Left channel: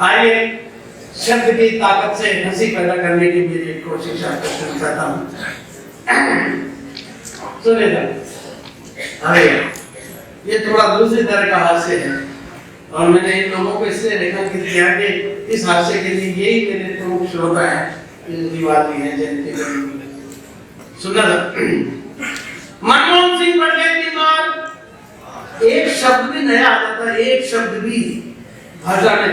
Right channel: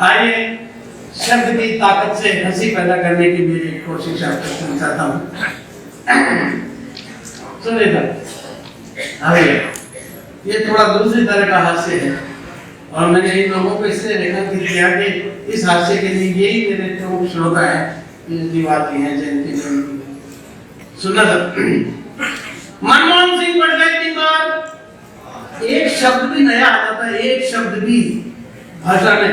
आइए शब्द की ताकत से हंसी पैदा करने की मेरी कोशिश आपको करता हूँ। सुनिए आइए, ये थोड़ा दूसरी तरह का हास्य है और मैंने इन लोगों को इससे रेखांकित किया कि इस हास्य के लिए यही मेरे प्रमुख श्रोता है दिवाली है जयंती। सुना मनमोहन सिंह पढ़ गए बीमार, एक शब्द भी नया आ जाता है, एक शब्द भी भाषा में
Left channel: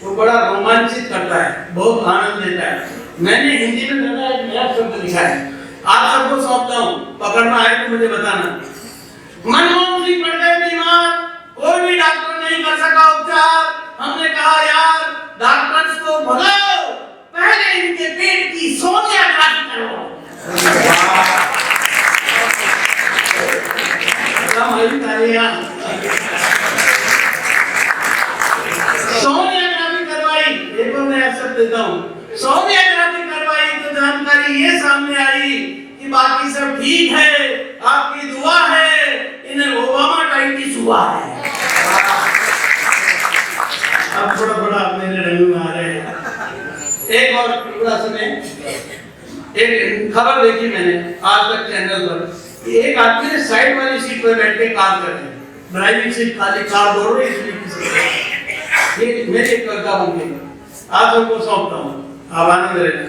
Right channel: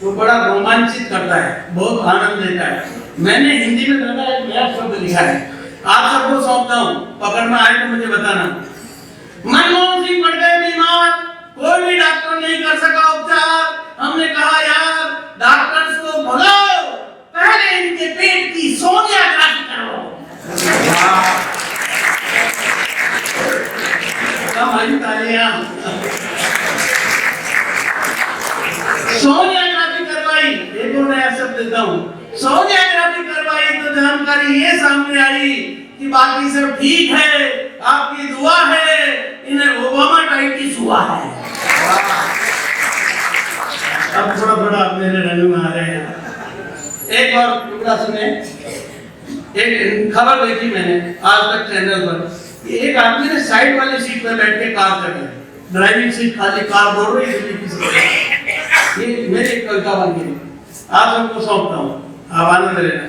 तो बड़ा रोमांचित करता है, बहुत आनंद देता है। मैंने हिंदी में एक नया शब्द लिखा है, आप सबको सौंपता हूँ, पकड़ में आए तो मुझे बताना। मनमोहन सिंह पड़ गए बीमार, कोई भी डॉक्टर नहीं कर सका उपचार। हमने कहा यार डॉक्टर्स को भगाओ, पहले इनके पेट की सोनियोग्राफी करवाओ। सोनियोग्राफी करवाई, एक और नया शब्द देता हूँ, सोनियोग्राफी करवाई तो जानकारी ये सामने आई कि बाकी सब ठीक है, आपकी दुआ है, इन्हें ओबामा टाइप की सुआ है। अब थोड़ा थोड़ा मेरे रंग में आ रहे हैं। एक और टुकड़ा सुने, एक खबर देखी मैंने आज तक चैनल पर, एक आदमी ने साइड वाली सीट पर बैठ के कार कर रहे, ड्राइविंग सीट खाली, कार बोल रही है। ये मेरी एक कविता बन गई, आप सबको सौंपता हूँ, आप आनंद लेना।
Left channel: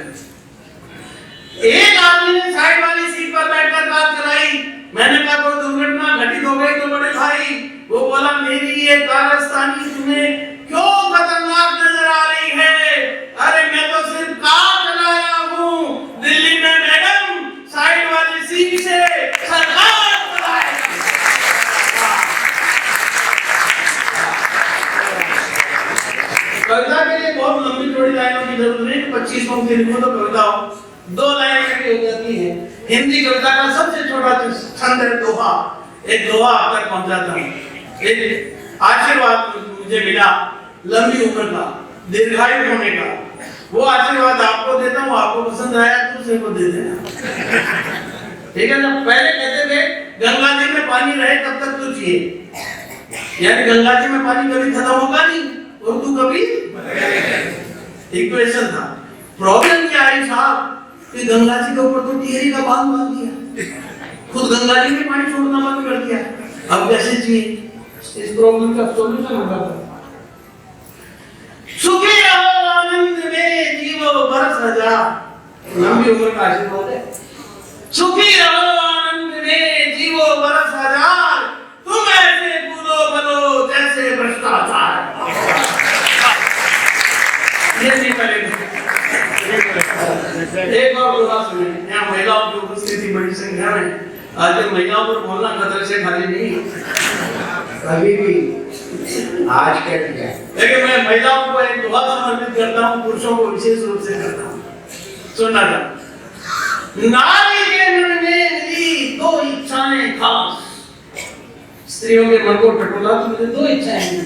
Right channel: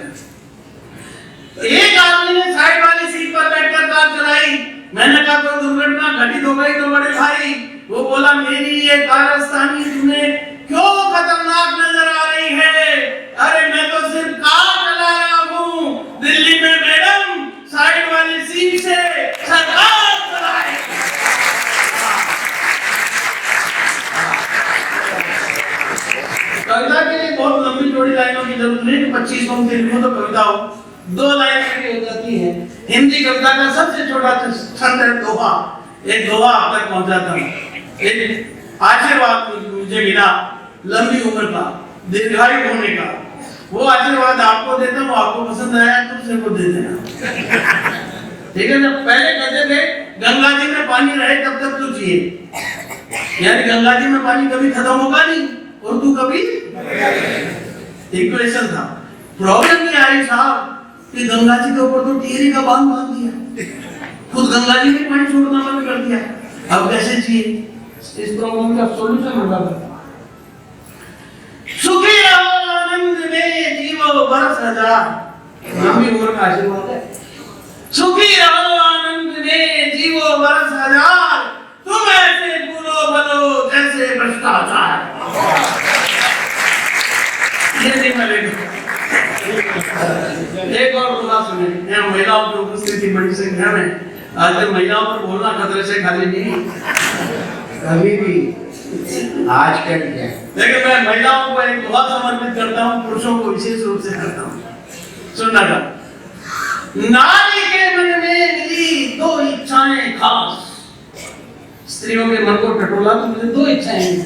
एक आदमी ने साइड वाली सीट पर बैठकर कार चलाई। मैंने कहा कोई दुर्घटना घटित हो गई तो बड़े भाई? वो बोला मेरी ये कारस्तानी तुम्हें क्यों खतरनाक नजर आ रही है? अरे मैं तो सिर्फ कार चला रहा हूँ, दिल्ली में मैडम साइड वाली सीट से सरकार चलाए। कविता के लिए बहुत लंबी चौड़ी लाइनों की जरूरत नहीं, 25 पंक्ति लिखो तो कविता हो, 2 लाइन में हो जाती है। हिंदी कविता का सबसे छोटा छंद है दोहा। एक दोहा आप तक पहुंचाता हूँ। एक आशीर्वाद मुझे मिला लंबी उम्र का, दीर्घायु होने का, वो आशीर्वाद आपको देता हूँ, आपको पसंद आया तो दूसरे को दे देना। ठीक है ना? पहले कहते थे गंगा जी में पानी रहे तब तक तो चाहिए, यानी गंगा जी में पानी कभी खत्म होगा नहीं और तू कभी इक्वेशन था। प्रॉब्लम क्या है साहब कि गंगा जी के ऊपर तो टिहरी का बांध बांध दिया, खुद गंगा जी में पानी छोड़ना बंद कर दिया। अब कैसे चाहिए? इस प्रॉब्लम का सॉल्यूशन होगा। सुखी रहो आनंद में जीवो बरस हजार, लंबी उम्र का आशीर्वाद है। सुखी रहो आनंद में जीवो बरस हजार, तुम ऐसे बोलो बनो जैसे भ्रष्टाचार। ये नहीं मिलेगा। एक और बोला सुनिए, यहाँ महिलाओं की उपस्थिति बड़ी संख्या में, आजकल महिलाओं पर बोलना खतरे से खाली नहीं, कभी भी आज कट जाए। लेकिन मैं महिलाओं को एक दुआ समर्पित करता हूँ, पुरुषों को विशेष रूप से करता हूँ। सुनना था, नारी के मन में मिली 2 इच्छाएं खास। स्त्रियों के मन को टटोला तो मुझे 2 इच्छाएं हैं।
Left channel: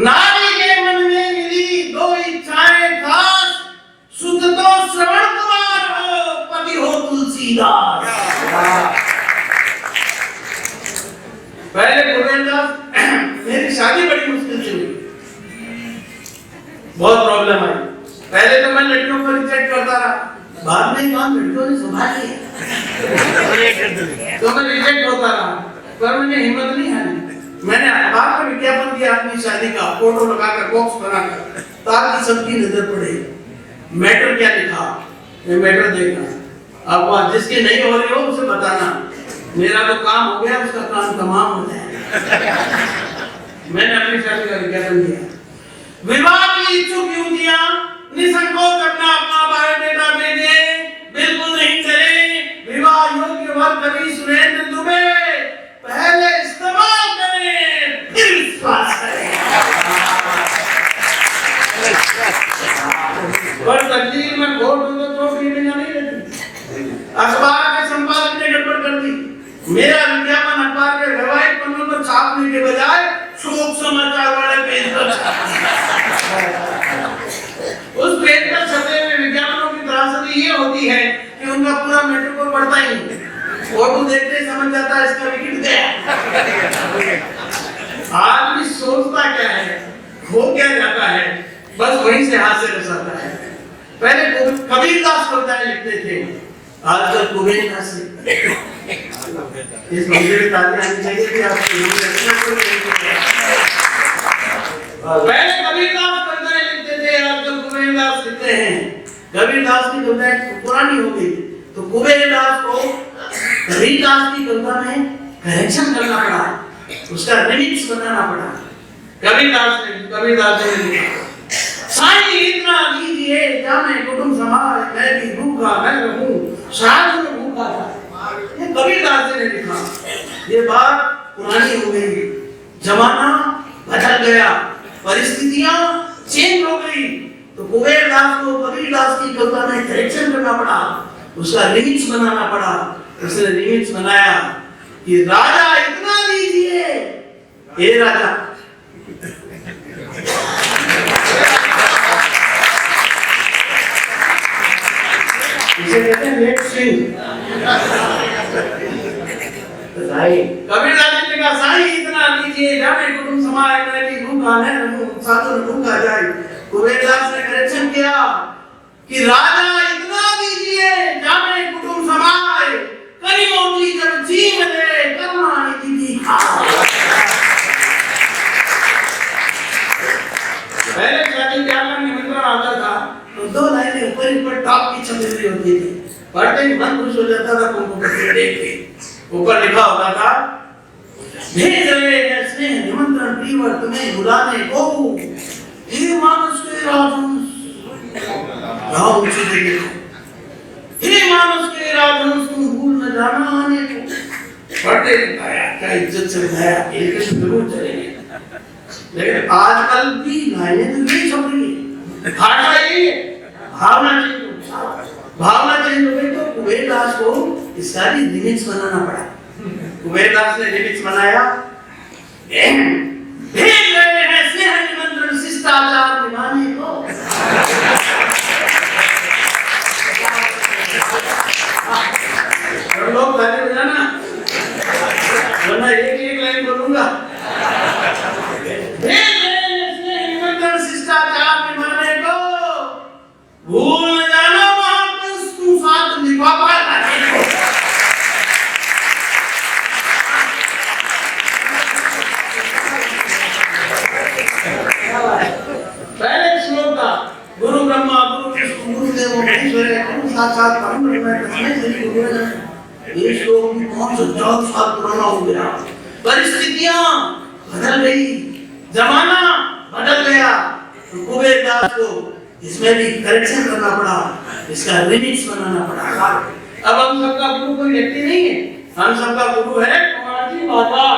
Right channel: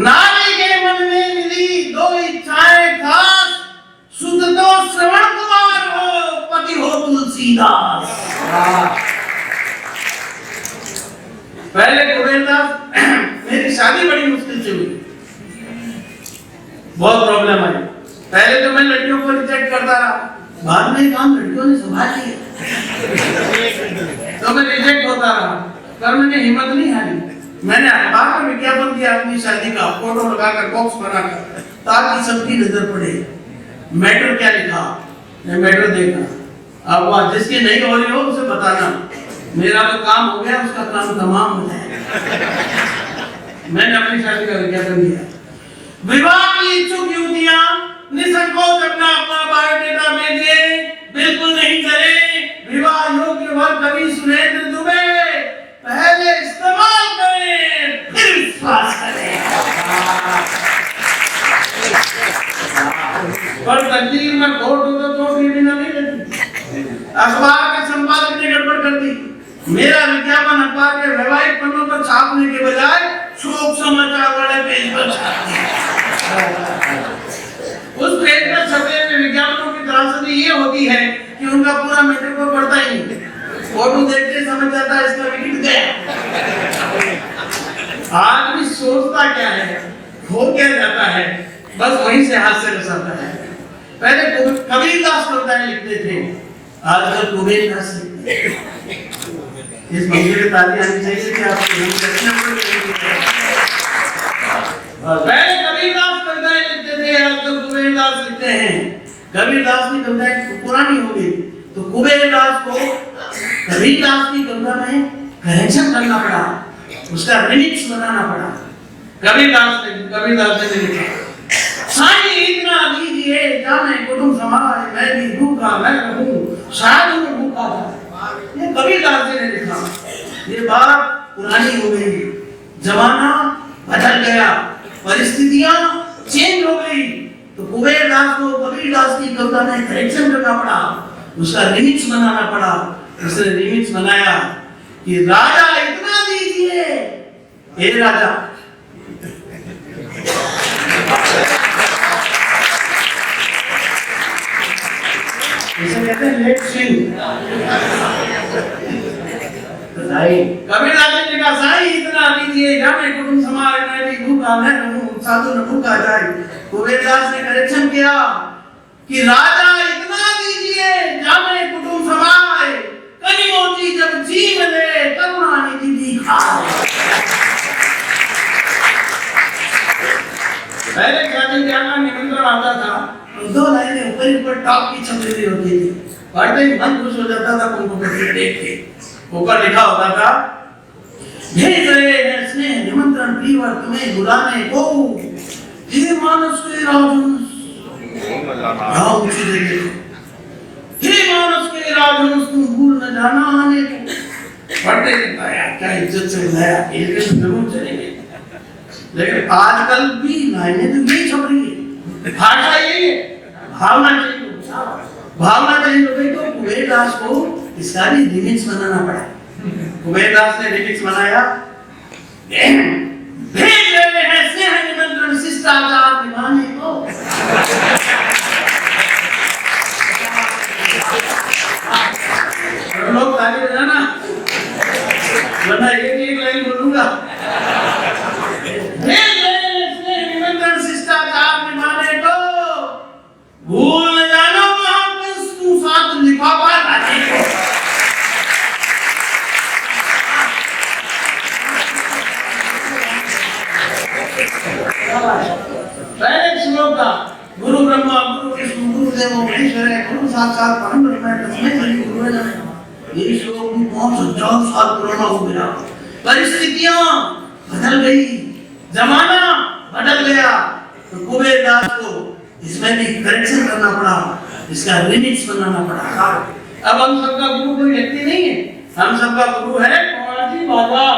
नारी के मन में मिली 2 इच्छाएं खास, सुध तो श्रवण कुमार हो, पति हो तुलसीदास। पहले गोविंदास, मेरी शादी बड़ी मुश्किल से हुई, बहुत प्रॉब्लम आई। पहले तो मैं लड़कियों को रिजेक्ट करता रहा, बाद में काम लड़कियों ने संभाल लिया तो मैं रिजेक्ट होता रहा, पर मैंने हिम्मत नहीं हारी। मैंने अखबार में विज्ञापन दिया अपनी शादी का, फोटो लगाकर बॉक्स बनाकर, ताकि सबकी नजर पड़े। मैटर क्या लिखा, ये मैटर देखना, अब जिसकी नहीं हो रही हो उसे बताना, मेरा तो काम हो गया, उसका काम तमाम हो जाएगा। मैंने अपनी शादी का विज्ञापन दिया। विवाह की इच्छुक युवतियां निसंकोच अपना अपना बायोडेटा भेजें, बिल्कुल नहीं करें विवाह योग्य वर कवि सुरेंद्र दुबे, पहले इस्तेमाल करें फिर विश्वास करें। पर तकदीर में खोट हो तो बिना नहीं लेती। अखबार के संपादक ने गड़बड़ कर दी, मेरा विज्ञापन अखबार के वैवाहिक पन्नों पर छापने के बजाय शोक समाचार वाले पेज पर छाप दिया। उस पेज पर छपे हुए विज्ञापनों की त्रासदी ये होती है कि उनका पूरा मैटर को पढ़ता ही नहीं, फोटो देखते समझ जाता है इसका विकेट गया। आदमी सोचता क्या है, हो क्या जाता है बस वहीं से हाथ से रसाता है। पहले कबीरदास कविताएं लिखते थे, आजकल कुबेरदास लिखते हैं। इस मंदिर में तालियां आनी चाहिए कि आप पहले कबीरदास कविताएं लिखते थे, आजकल कुबेरदास लिखते हैं। कबीरदास की कविताएं पुरानी हो गई तो कुबेरदास को कबीरदास की कविता में करेक्शन करना पड़ा, उसका रिमिक्स बनाना पड़ा। कबीरदास ने लिखा, साईं इतना दीजिए जामे कुटुंब समाज, मैं भी भूखा मैं रहूं शायद मैं भूखा था। ये कबीरदास ने लिखा। ये बात पुरानी हो गई, जमाना बदल गया, परिस्थितियां चेंज हो गई, तो कुबेरदास को कबीरदास की कविता में करेक्शन करना पड़ा, उसका रिमिक्स बनाना पड़ा। उसने रिमिक्स बनाया कि राजा इतना दीजिए, हे राजा इसे कहते हैं लेट स्विंग। कबीरदास ने कहा, साईं इतना दीजिए जाने कुटुंब समाज, मैं भी भूखा मैं रहूं साधु न भूखा जाए। कुबेरदास ने करेक्शन किया कि राजा इतना दीजिए जाने कुटुंब समाज, करीमों की जब जी मिले करुणा निधि भी खाए। पहले शादी ब्याह में निमंत्रण आता था, दो लाइनें ऊपर टॉप की छपी हुई होती थी, पढ़ते ही मन खुश हो जाता था कंप्यूटर देख के। ऊपर लिखा होता था, भेज रहे हैं स्नेह निमंत्रण प्रियवर तुम्हें बुलाने को, हे मानस के राजहंस, हे मानस के राजहंस तुम भूल न जाना आने को। पढ़ते लिखा यार क्या इज्जत से बुलाया, एक जरूर चलेंगे। लेकिन आजकल भी लाइनें तो यही छप रही है, भाषा यही है, भावना चेंज हो गई। तो कुबेरदास को इसका भी रिमिक्स बनाना पड़ा। कुबेरदास ने रिमिक्स बनाया, भेज रहे हैं स्नेह निमंत्रण शिष्टाचार निभाने को। लोग ताली बजाना, वरना एक लाइन बोलूंगा। शिष्टाचार निभाने को भूल न जाना महापुरुष तू साथ लिफाफा लाने को। पहले श्लोक था, गुरु ब्रह्मा गुरु विष्णु गुरु देवो महेश्वरः गुरु साक्षात परम ब्रह्म तस्मै श्री गुरुवे नमः। ये श्लोक भी 5,000 साल पुराना हो गया। परिस्थितियां बदल गई, जमाना बदल गया, तो कुबेरदास को इसमें भी करेक्शन करना पड़ा, इसका रिमिक्स बनाना पड़ा। अब हम सबका गुरु कोई व्यक्ति नहीं है, हम सबका गुरु है कुमार जी बाजार।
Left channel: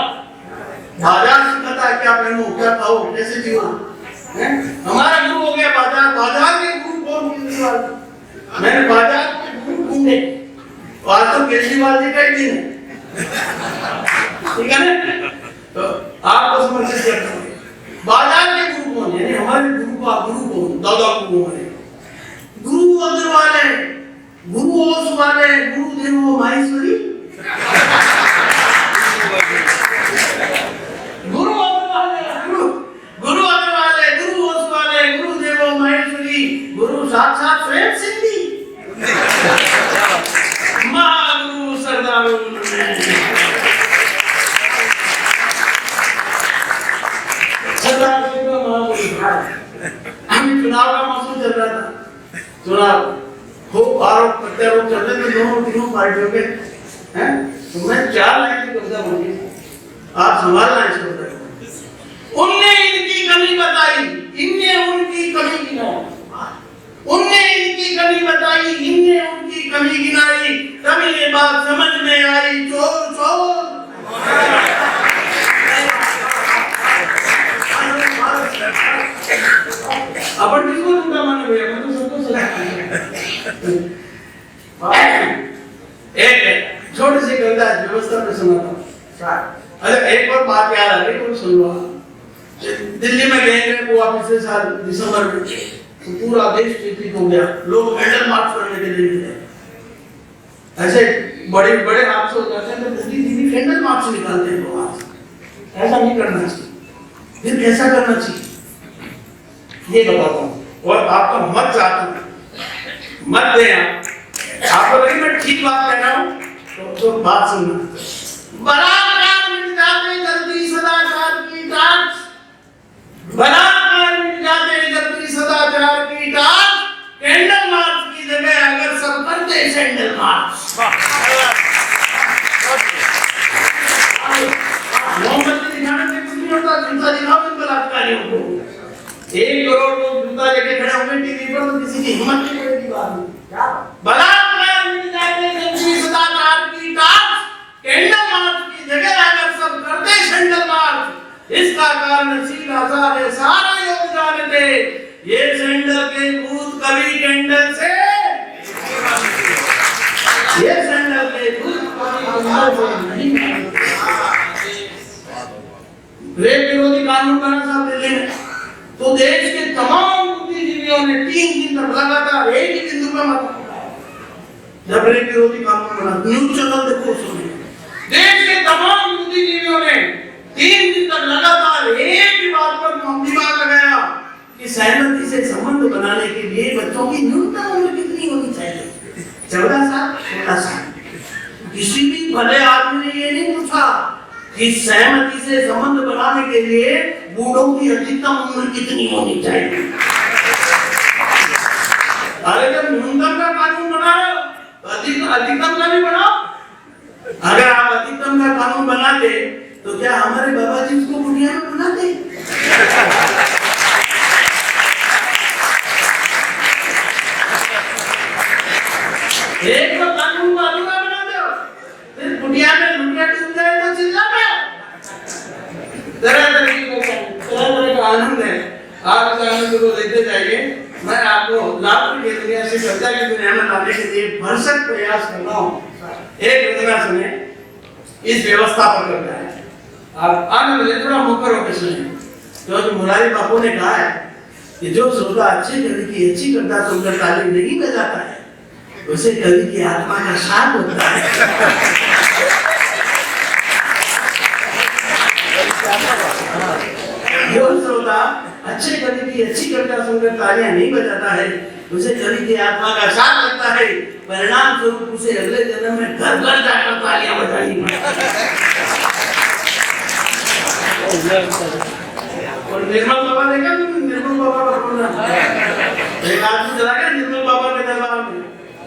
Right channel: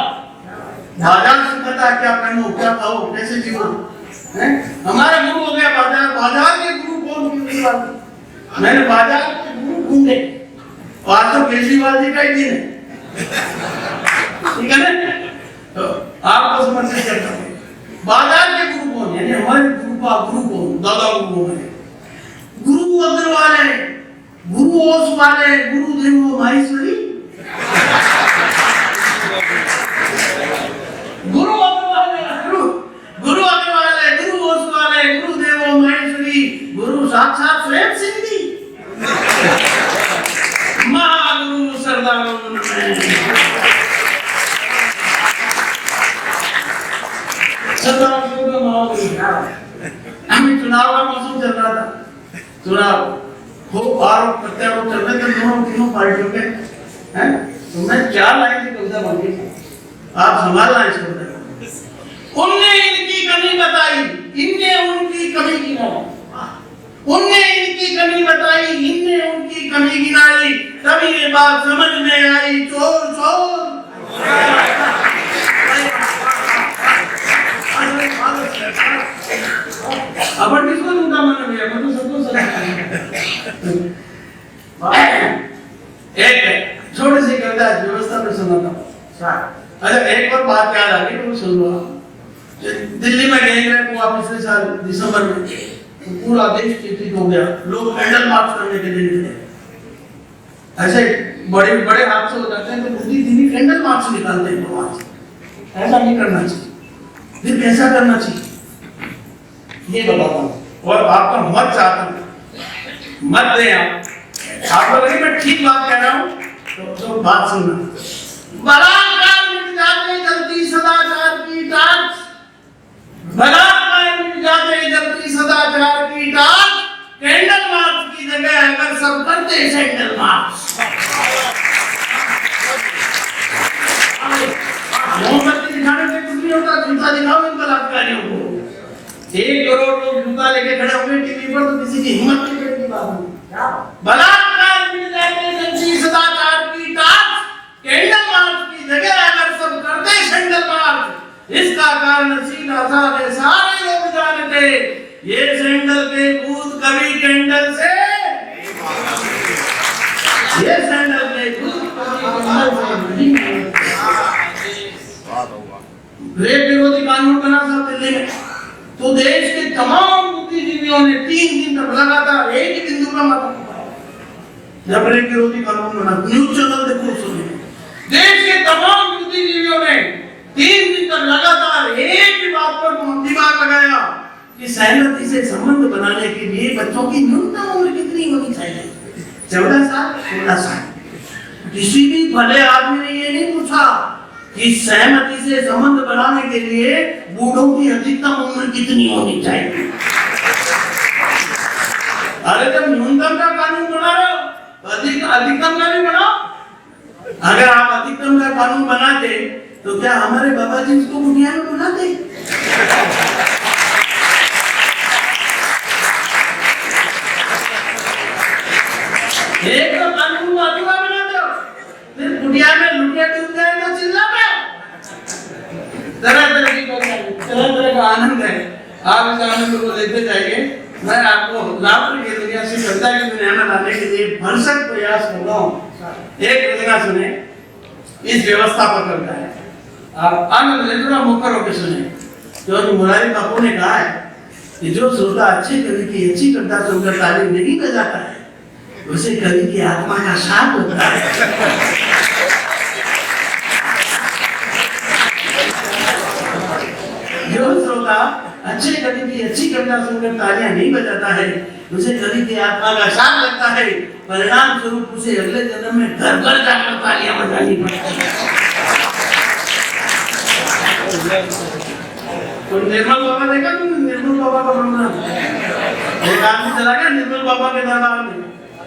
बाजार सिखाता है क्या पहनो, क्या खाओ, कैसे जियो। हमारा गुरु हो गया बाजार। बाजार के गुरु कौन केजरीवाल। मैंने बाजार के गुरु ढूंढे, आज तो केजरीवाल जी का ही दिन है, ठीक है ना। तो आपको समझ सकते हैं बाजार के गुरु कौन, यानी हमारे गुरु का गुरु कौन, दादा गुरु है। गुरु अग्रवाल है, गुरु ओस वाले, गुरु देवो महेश्वरी। गुरु अग्रवाल है, गुरु अग्रवाल है, गुरु ओस वाले, गुरु देवो महेश्वरी, गुरु साक्षात स्वयं सिद्धि, महागुरु सरदारों हमें चुनाव का मौसम चल रहा था, चुनाव हो बार प्रत्यारोप चल रहे थे दोनों तीनों पार्टियों के, हैं? तो मैं 4 लाइन की कविता बोली, आप संभालना इसको। उनने इनकी कमी बताई, इनने उनकी कमी गिनाई, उनने इनकी कमी बताई, इनने उनकी कमी गिनाई, तभी ये बात समझ में आई, चोर चोर। अपन किसको लूटा माने भैया, मैं तो सबको सलाह। एक छोटी सी कविता व्यवस्था में सुनाता हूँ। अच्छा एक और बात याद आ गई तो सुन लो। दिल्ली में गैंग रेप हुआ पिछले साल दिसंबर में, तो पूरा देश चिंतित हो गया, लोग कैंडल मार्च करने के लिए निकले। ऐसे बड़े बड़े हादसे हो जाते हैं तो पूरी दिल्ली कैंडल मार्च निकालते हैं लोग। ऐसा नहीं करना चाहिए। फिर कैसा करना चाहिए? ये बताता हूँ और आपका मत चाहता हूँ, मत दे आपको लगे मैं ठीक बात कह रहा हूँ तो बात सुनना। बलात्कार मिट जाते जल्दी सदाचार की टाँच, बलात्कार मिट जाते जल्दी सदाचार की टाँच, कैंडल मार्च की जगह अगर सब करते सैंडल मार्च। मोमबत्ती दिखाने से कुछ नहीं होता, जूता दिखाओ इन बलात्कारियों को। 1 करोड़ लोग जूता लेके खड़े होंगे टीवी पर तो किसी की हिम्मत नहीं बैठती बात में। बलात्कार मिट जाते जल्दी सदाचार की टाँच, कैंडल मार्च की जगह अगर सब करते सैंडल मार्च। इसका कारण सीधा सा है, सारे लोग जानते ये सैंडल के भूत कभी कैंडल से, ये सैंडल के भूत कभी कैंडल से नहीं। रेप विरोधी कानून बना साहब दिल्ली में तो देश के तमाम बुद्धिजीवियों ने 3 दिन तक लगातार एक ही बिंदु पर मत जब रेप विरोधी कानून बना, न्यूज चैनल देखो सुनिए, देश के तमाम बुद्धिजीवियों ने 3 दिन तक लगातार एक ही बात पर दिमाग लगाया कि सहमति से संबंध बनाने के लिए बच्चों की न्यूनतम उम्र कितनी होनी चाहिए? 14 साल, 16 साल। किसी भी भले आदमी ने ये नहीं पूछा कि सहमति से संबंध बनाने के लिए बूढ़ों की अधिकतम उम्र कितनी होनी चाहिए। अरे जब न्यूनतम का कानून बना रहे हो तो अधिकतम का भी बनाओ। अगर आप अधिकतम का कानून बनाते तो क्या हमारे बाबा जी इसको बुढ़िया में बुलाते? एक तो कानून को अधूरा बना दो, फिर बुढ़िया में लुटिया डूब जाए तो चिल्ला में। तरह का आनंद है, आप इस आनंद को लेते जाइए। मैं आपको लाभ के दुनिया से श्रद्धा की दुनिया में लाने के लिए भरसक प्रयास कर रहा हूँ। एक घटना सुने, इस व्यवस्था पर करता है। आप आनंद ले, थोड़ा मुखर होकर सुने। जो मुरारी बापू ने कहा है कि जो श्रोता अच्छे कवि की अच्छी कविता सुनकर ताली नहीं बजाता है उसे कवि की आत्मा का शाप होता है। जो श्रोता अच्छे कवि की अच्छी कविता सुनकर तालियां नहीं बजाता है उसे कवि की आत्मा का शाप लगता है। परिणाम स्वरूप उसे अगले जन्म में घर घर जाकर तालियां बजानी पड़ती है। निर्मल बाबा देखा तुमने? निर्मल बाबा का प्रोग्राम एक आदमी चला गया निर्मल बाबा के दरबार में,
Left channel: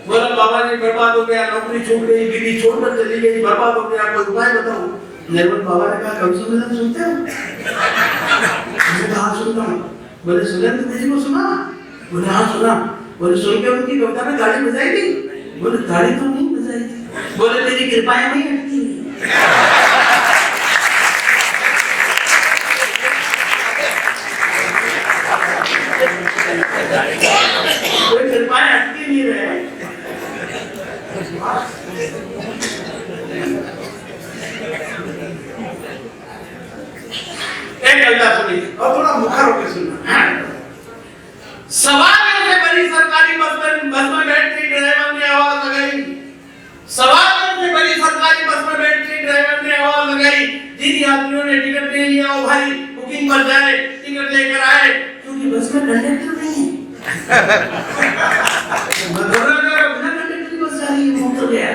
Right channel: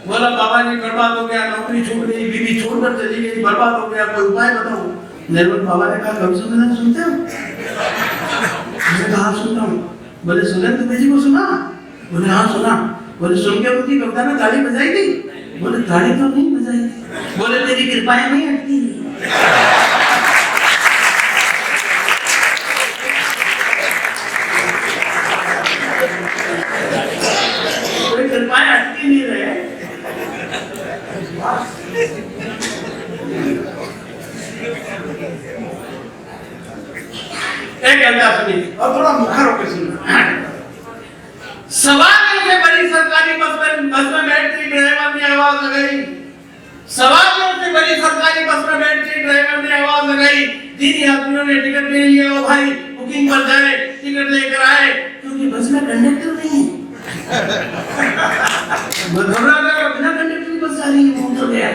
बोला बाबा जी बर्बाद हो गया, नौकरी छूट गई, बीवी छोड़कर चली गई, बर्बाद हो गया, कोई उपाय बताओ। निर्मल बाबा ने कहा कभी सुनते हो? उसने कहा सुनता हूँ। बोले सुरेंद्र जी को सुना? बोले हाँ सुना। बोले सुन के उनकी कविता में ताली बजाई थी? बोले ताली तो नहीं बजाई थी। बोले तेरी कृपाएं नहीं हटती। कोई कृपाएं हटती नहीं रहे। एक कविता सुनी और थोड़ा मुखर होकर सुनना। सवालों से बड़ी सरकारी बस में बैठती ड्राइवर ने आवाज लगाई। सवालों से बड़ी सरकारी बस में बैठती ड्राइवर ने आवाज लगाई। जिन यात्रियों ने टिकट नहीं लिया वो भाई बुकिंग पर जाए, टिकट लेकर आए, क्योंकि बस में कंडक्टर नहीं है। मैं घबरा गया, बिना कंडक्टर की बस जा रही है, घूम तो गया।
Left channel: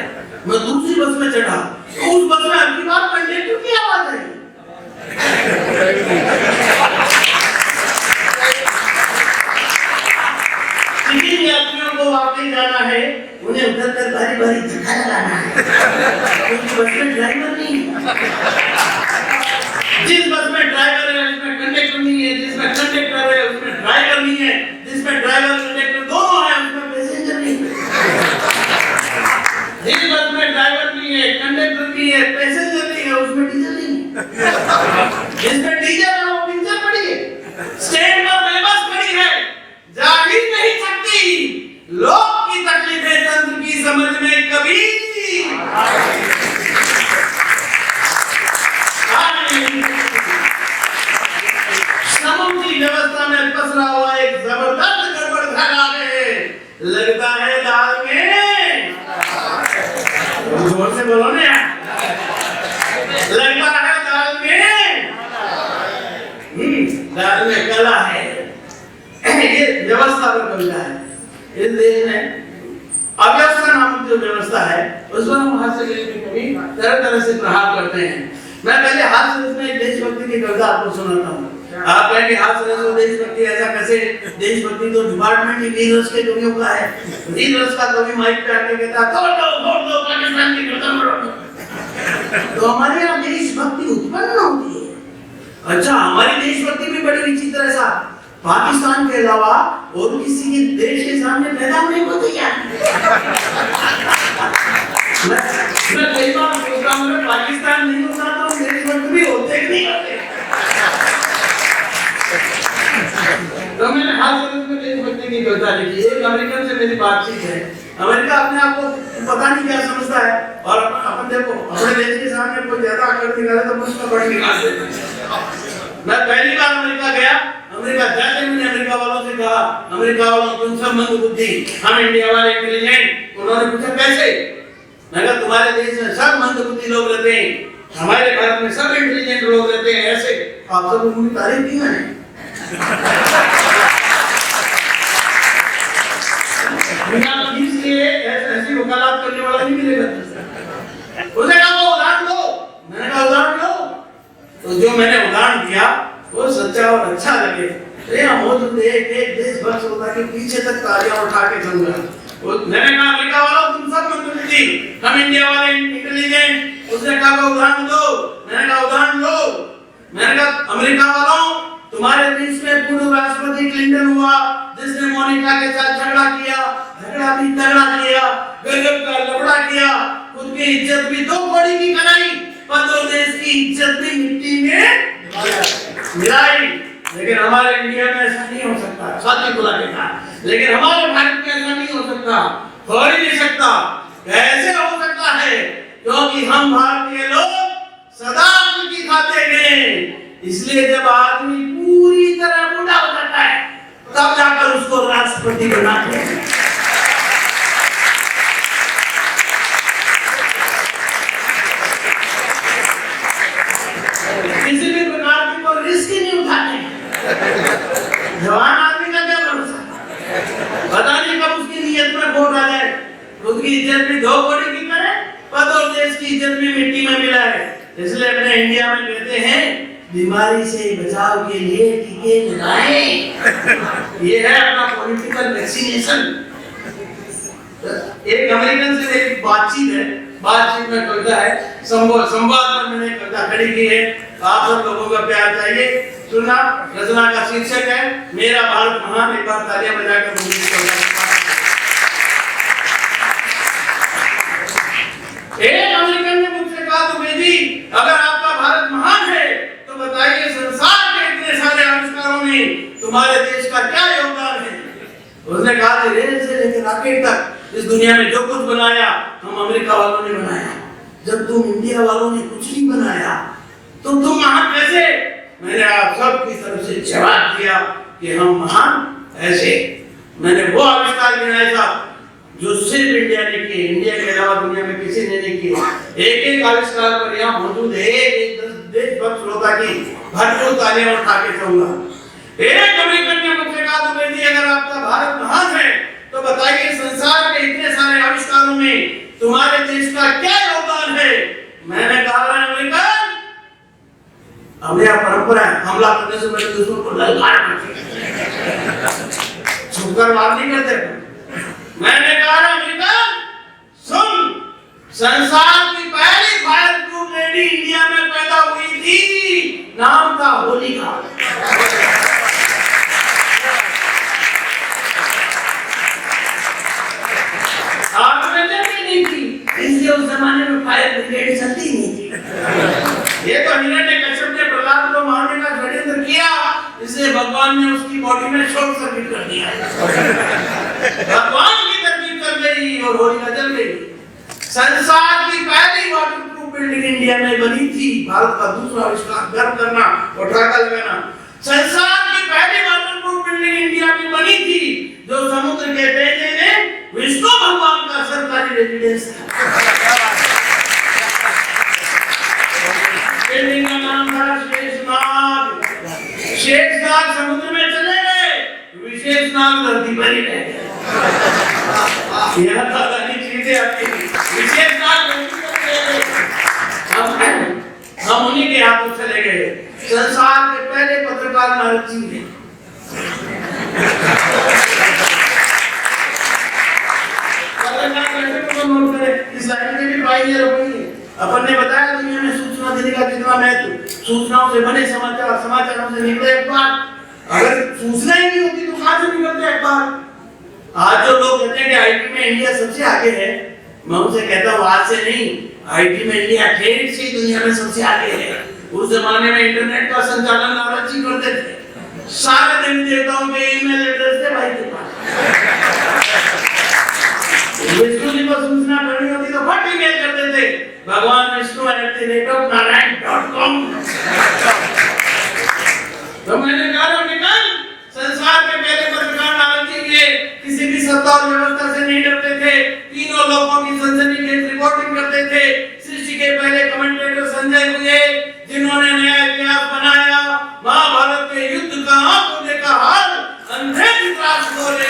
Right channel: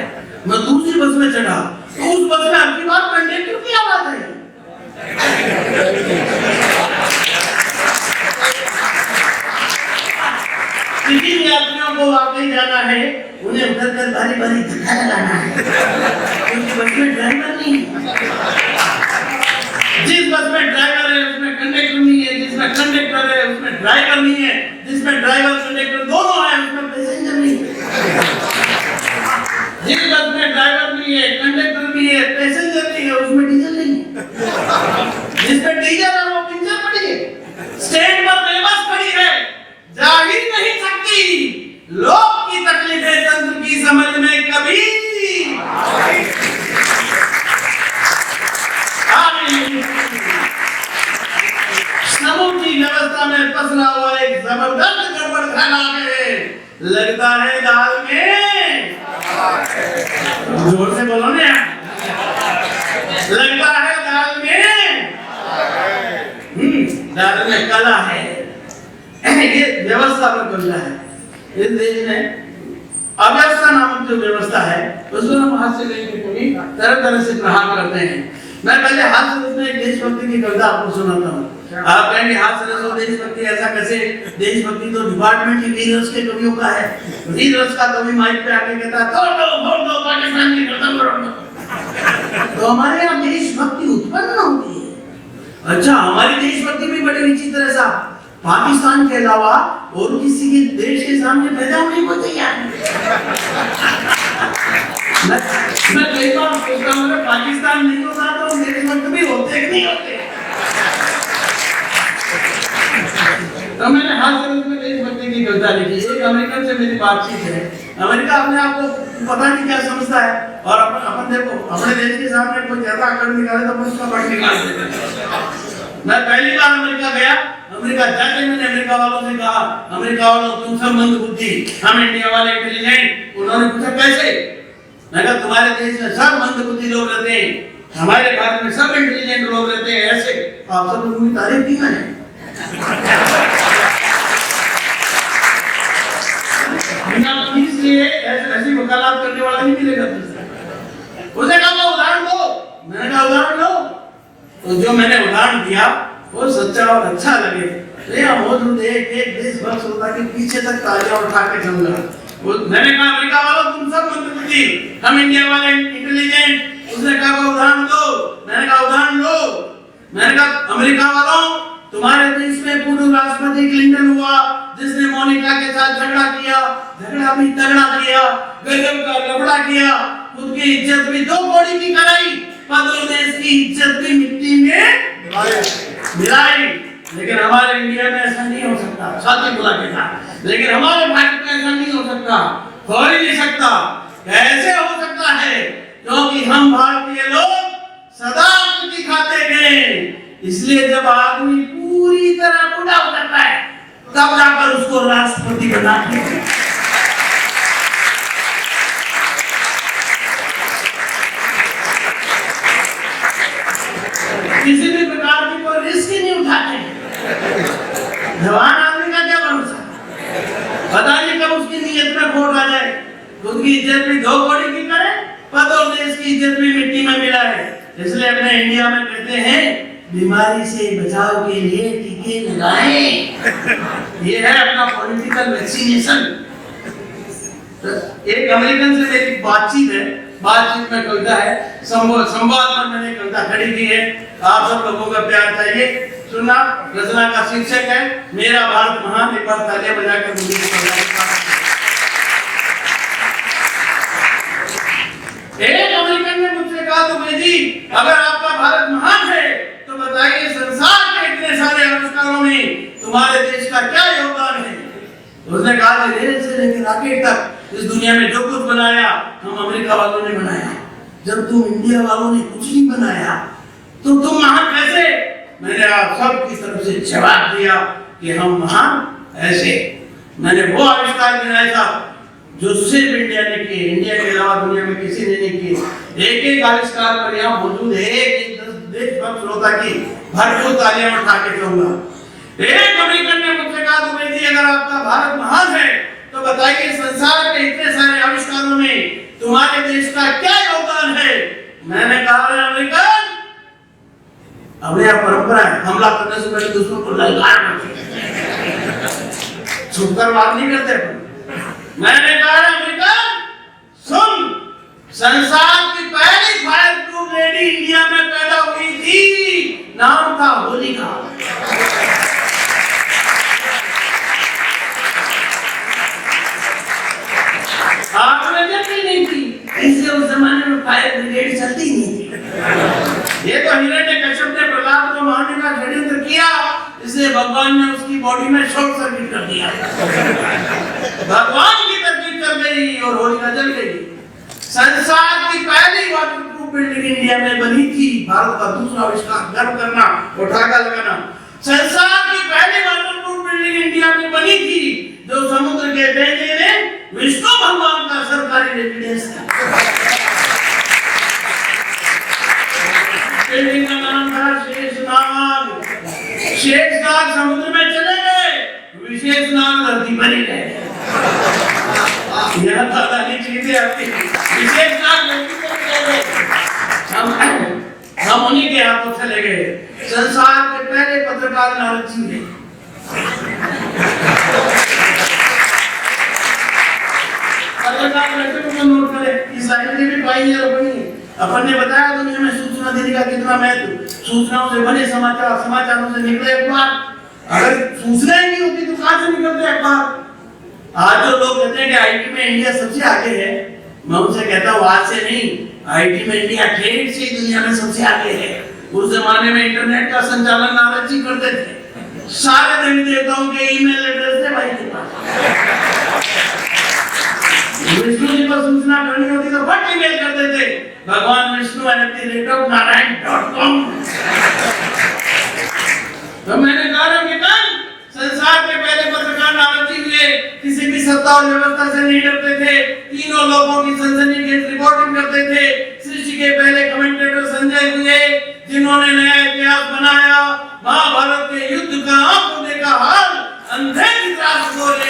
मैं दूसरी बस में चढ़ा तो उस बस में आपकी बात कंडक्टर की आवाज आई। जिन यात्रियों को वापस जाना है उन्हें उतरकर बारी-बारी धक्का लगाना है, क्योंकि बस में ड्राइवर नहीं है। जिस बस में ड्राइवर है उसमें कंडक्टर नहीं है, जिसमें कंडक्टर है उसमें ड्राइवर नहीं है, जिसमें ड्राइवर कंडक्टर दोनों है उसमें पैसेंजर नहीं है। जिस बस में ड्राइवर नहीं है, कंडक्टर नहीं है, पैसेंजर नहीं है, उसमें डीजल नहीं है। जिसमें डीजल है वो पिंजर पड़ी है, स्टैंड पर बेबस खड़ी है, जा ही नहीं सकती। लोग की तकलीफें तंत्र की समझ में कभी समूची व्यवस्था में पसरा हुआ एक जबरदस्त गड़बड़ घर आ गए। लगता है दाल में, जोर से बोलो ना, लगता है दाल में कला है। व्यवस्था पर कविता है। इस देश में अव्यवस्था नामक जो व्यवस्था है उसको हम हाथ से लेकर कभी तरह तरह से प्रहार करते हैं। मैं पहले हाथ से उसमें एक देशभक्ति की कविता आपको सुनाता हूँ। आप कहेंगे हाथ से तो देशभक्ति ऐसा कैसे? देशभक्ति तो डिपार्टमेंट ही वीर रस के कवियों का है। वीर रस का कवि माइक पे आके कहता फोड़ दो पाकिस्तान की गर्दन मरोड़। तो हमारे यहाँ देशभक्ति उत्पन्न होती है। अच्छा, हमारी देशभक्ति भी बड़ी विचित्र है साहब। पाकिस्तान के अलावा और किसी के देश के सामने पैदा होने को तैयार नहीं। मैं कई बार सोचता हूँ पाकिस्तान नहीं होता तो देशभक्त भी होते कि नहीं होते। तो मैंने हाथ से उसमें देशभक्ति की कविता लिखी। एक अमेरिकन से मेरी बातचीत है। अमेरिका अपने आप को पता नहीं क्या समझता है और अपन देखो अपने देश के सामने कोई ज्यादा आकर निकाले तो उसका बड़ निकाल देते हैं। मैं पहली बार अमेरिका गया। अमेरिका जाके मैंने अमेरिका वालों से कहा, अमेरिका वालों तुम सब मंदबुद्धि, हम इंडिया वाले इंटेलिजेंट। उन्होंने पूछा कैसे? मैं कहा तुम्हारे देश में सब मंदबुद्धि लोग रहते हैं, हमारे भारत में सब इंटेलिजेंट लोग रहते हैं। ऐसे आप सब उनकी तारीफ की मैंने। इसलिए ऐसी वकालत करने वाला नहीं मिलेगा। उसने कहा उदाहरण दो। मैंने कहा उदाहरण दो। तो जो मैंने उदाहरण दिया वो सच्चा और अच्छा लगे। मौजूद एक देशभक्त होता के पीछे तक तालियां उठा के चलना। मैंने कहा अमेरिका वालों तुम सब मंदबुद्धि, हम इंडिया वाले इंटेलिजेंट। उसने कहा उदाहरण दो। मैंने कहा उदाहरण दो। मैंने कहा अमेरिका वालों तुम्हारे देश में पूर्व राष्ट्रपति क्लिंटन हुआ जिसने मोनिका के साथ झगड़ा किया, झगड़ा भी तगड़ा किया, गजब का लफड़ा किया, खुद की इज्जत भी 2 कौड़ी की कराई, पर देश की इज्जत भी मिट्टी में मिलाई। लेकिन हमारे इंडिया में ऐसा नहीं हो सकता। साथी बुला के कहा लेकिन हमारे भारत में ऐसा नहीं हो सकता, हो ही नहीं सकता। कैसे हो सकता है? क्योंकि हम भारतीय लोग सदा खुशी खाते हैं। इसलिए जब आदमी पूरी तरह बूढ़ा हो जाता है तब जाकर उसको राष्ट्रपति बनाते हैं। किसी भी प्रकार की कोई रिस्क नहीं उठाते हैं। जवान आदमी का क्या भरोसा? पता नहीं कब उसकी नीयत में खोट आ जाए। उसकी इज्जत भी 2 कौड़ी की करे, पद और देश की इज्जत भी मिट्टी में मिला है। इसलिए अपने इंडिया में कहते हैं बीमारी से बचाव के लिए टीके लगाएं। ये है अपना पॉलिटिकल वैक्सीनेशन। एक अमेरिकन से मेरी बातचीत है। बातचीत में कविता है, संवाद में मैंने कविता खड़ी की है। आप सब लोगों का प्यार चाहिए। सुनना, रचना का शीर्षक है मेरा भारत महान। एक बार तालियां बजाकर एक अमेरिकन ने मुझसे कहा तो बेटी अगर आपका भारत महान है तो बताइए संसार के इतने सारे आविष्कारों में तुम्हारे देश का क्या योगदान है? उसने कहा रेल से लेकर रॉकेट तक इस दुनिया में जो कुछ बनाया हम अमेरिका वालों ने बनाया। जब तुम इंडिया वालों ने कुछ नहीं बनाया तो तुम महान कैसे? मैंने आप सब की तरफ से जवाब दिया कि हम महान ऐसे। मैंने वो आविष्कार गिनाए था जो सिर्फ इंडिया ने किए, इंडिया के अलावा दुनिया में किसी ने नहीं किए। एक एक आविष्कार पर यहाँ मौजूद है एक देशभक्त श्रोता की भरपूर तालियां उठा के कहूंगा। एक अमेरिकन ने मुझसे कहा तो बेटी अगर आपका भारत महान है तो बताइए संसार के इतने सारे आविष्कारों में तुम्हारे देश का क्या योगदान है? मैंने कहा अमेरिकन हमें यह परंपरा है हमला करने से पहले दुश्मन को ललकार छुपकर बात नहीं करते। मैंने कहा अमेरिकन सुन, संसार की पहली फायर प्रूफ लेडी इंडिया में पैदा हुई थी, नाम था होलिका। आपने देखी नहीं थी, इसलिए उस जमाने में फायर ब्रिगेड चलती नहीं थी। ये तो हिरण्यकश्यप ने प्रहलाद को मारने का षड्यंत्र किया, इसलिए भगवान ने उसकी बॉडी में शॉर्ट सर्किट कर दिया। भगवान की तरकीब कर गई और होलिका जल गई। संसार की पहली वाटरप्रूफ बिल्डिंग इंडिया में बनी थी। भारत का दूसरा आविष्कार गर्व करना और ठहाका लगाना। संसार की पहली वाटरप्रूफ बिल्डिंग इंडिया में बनी थी जो समुद्र के बेटे में विष्णु भगवान का सरकारी रेजिडेंस था। बिल्डिंग का नाम था शेषनाग। शेषनाग समुद्र में चले गए, विशेष नाम धरती पर ही रहे। यहाँ दादाजी चीजें आती विशेष नाम हम उन्हीं के हाथों चले गए। संसार के पहले पत्रकार नारद जी ने नोट करें, इस लाइन में भी पाई अपन ने बताया दुनिया में सूचना देने का कितना महत्व, सूचनाओं से बने समाचार, समाचारों से निकले अखबार। अगर सूचना ही नहीं होती तो कहां से निकलते अखबार। आज जो लोग कहते हैं कि आईटी में इंडिया सबसे आगे है, मैं उनसे कहता हूँ आज से नहीं, आईटी में इंडिया ठेठ से दुनिया में सबसे आगे है। उस जमाने में इंटरनेट का संचालन नारद जी करते थे। सारे देवी देवताओं के ईमेल एड्रेस थे भाई के पास। विष्णु जी को सूचना करनी होती तो फट ईमेल करते थे, भगवान विष्णु @नारायण.com। तो मैंने कहा कि संसार के पहले पत्रकार नारद जी के किसी भी सत्ता और व्यवस्था से नहीं डरते थे, तीनों लोगों की सनसनीखेज रिपोर्टिंग करते थे। सृष्टि के पहले कमेंटेटर संजय हुए जिन्होंने नया इतिहास बनाया। महाभारत के युद्ध का आंखों देखा हाल, अंधे विश्वास बोले।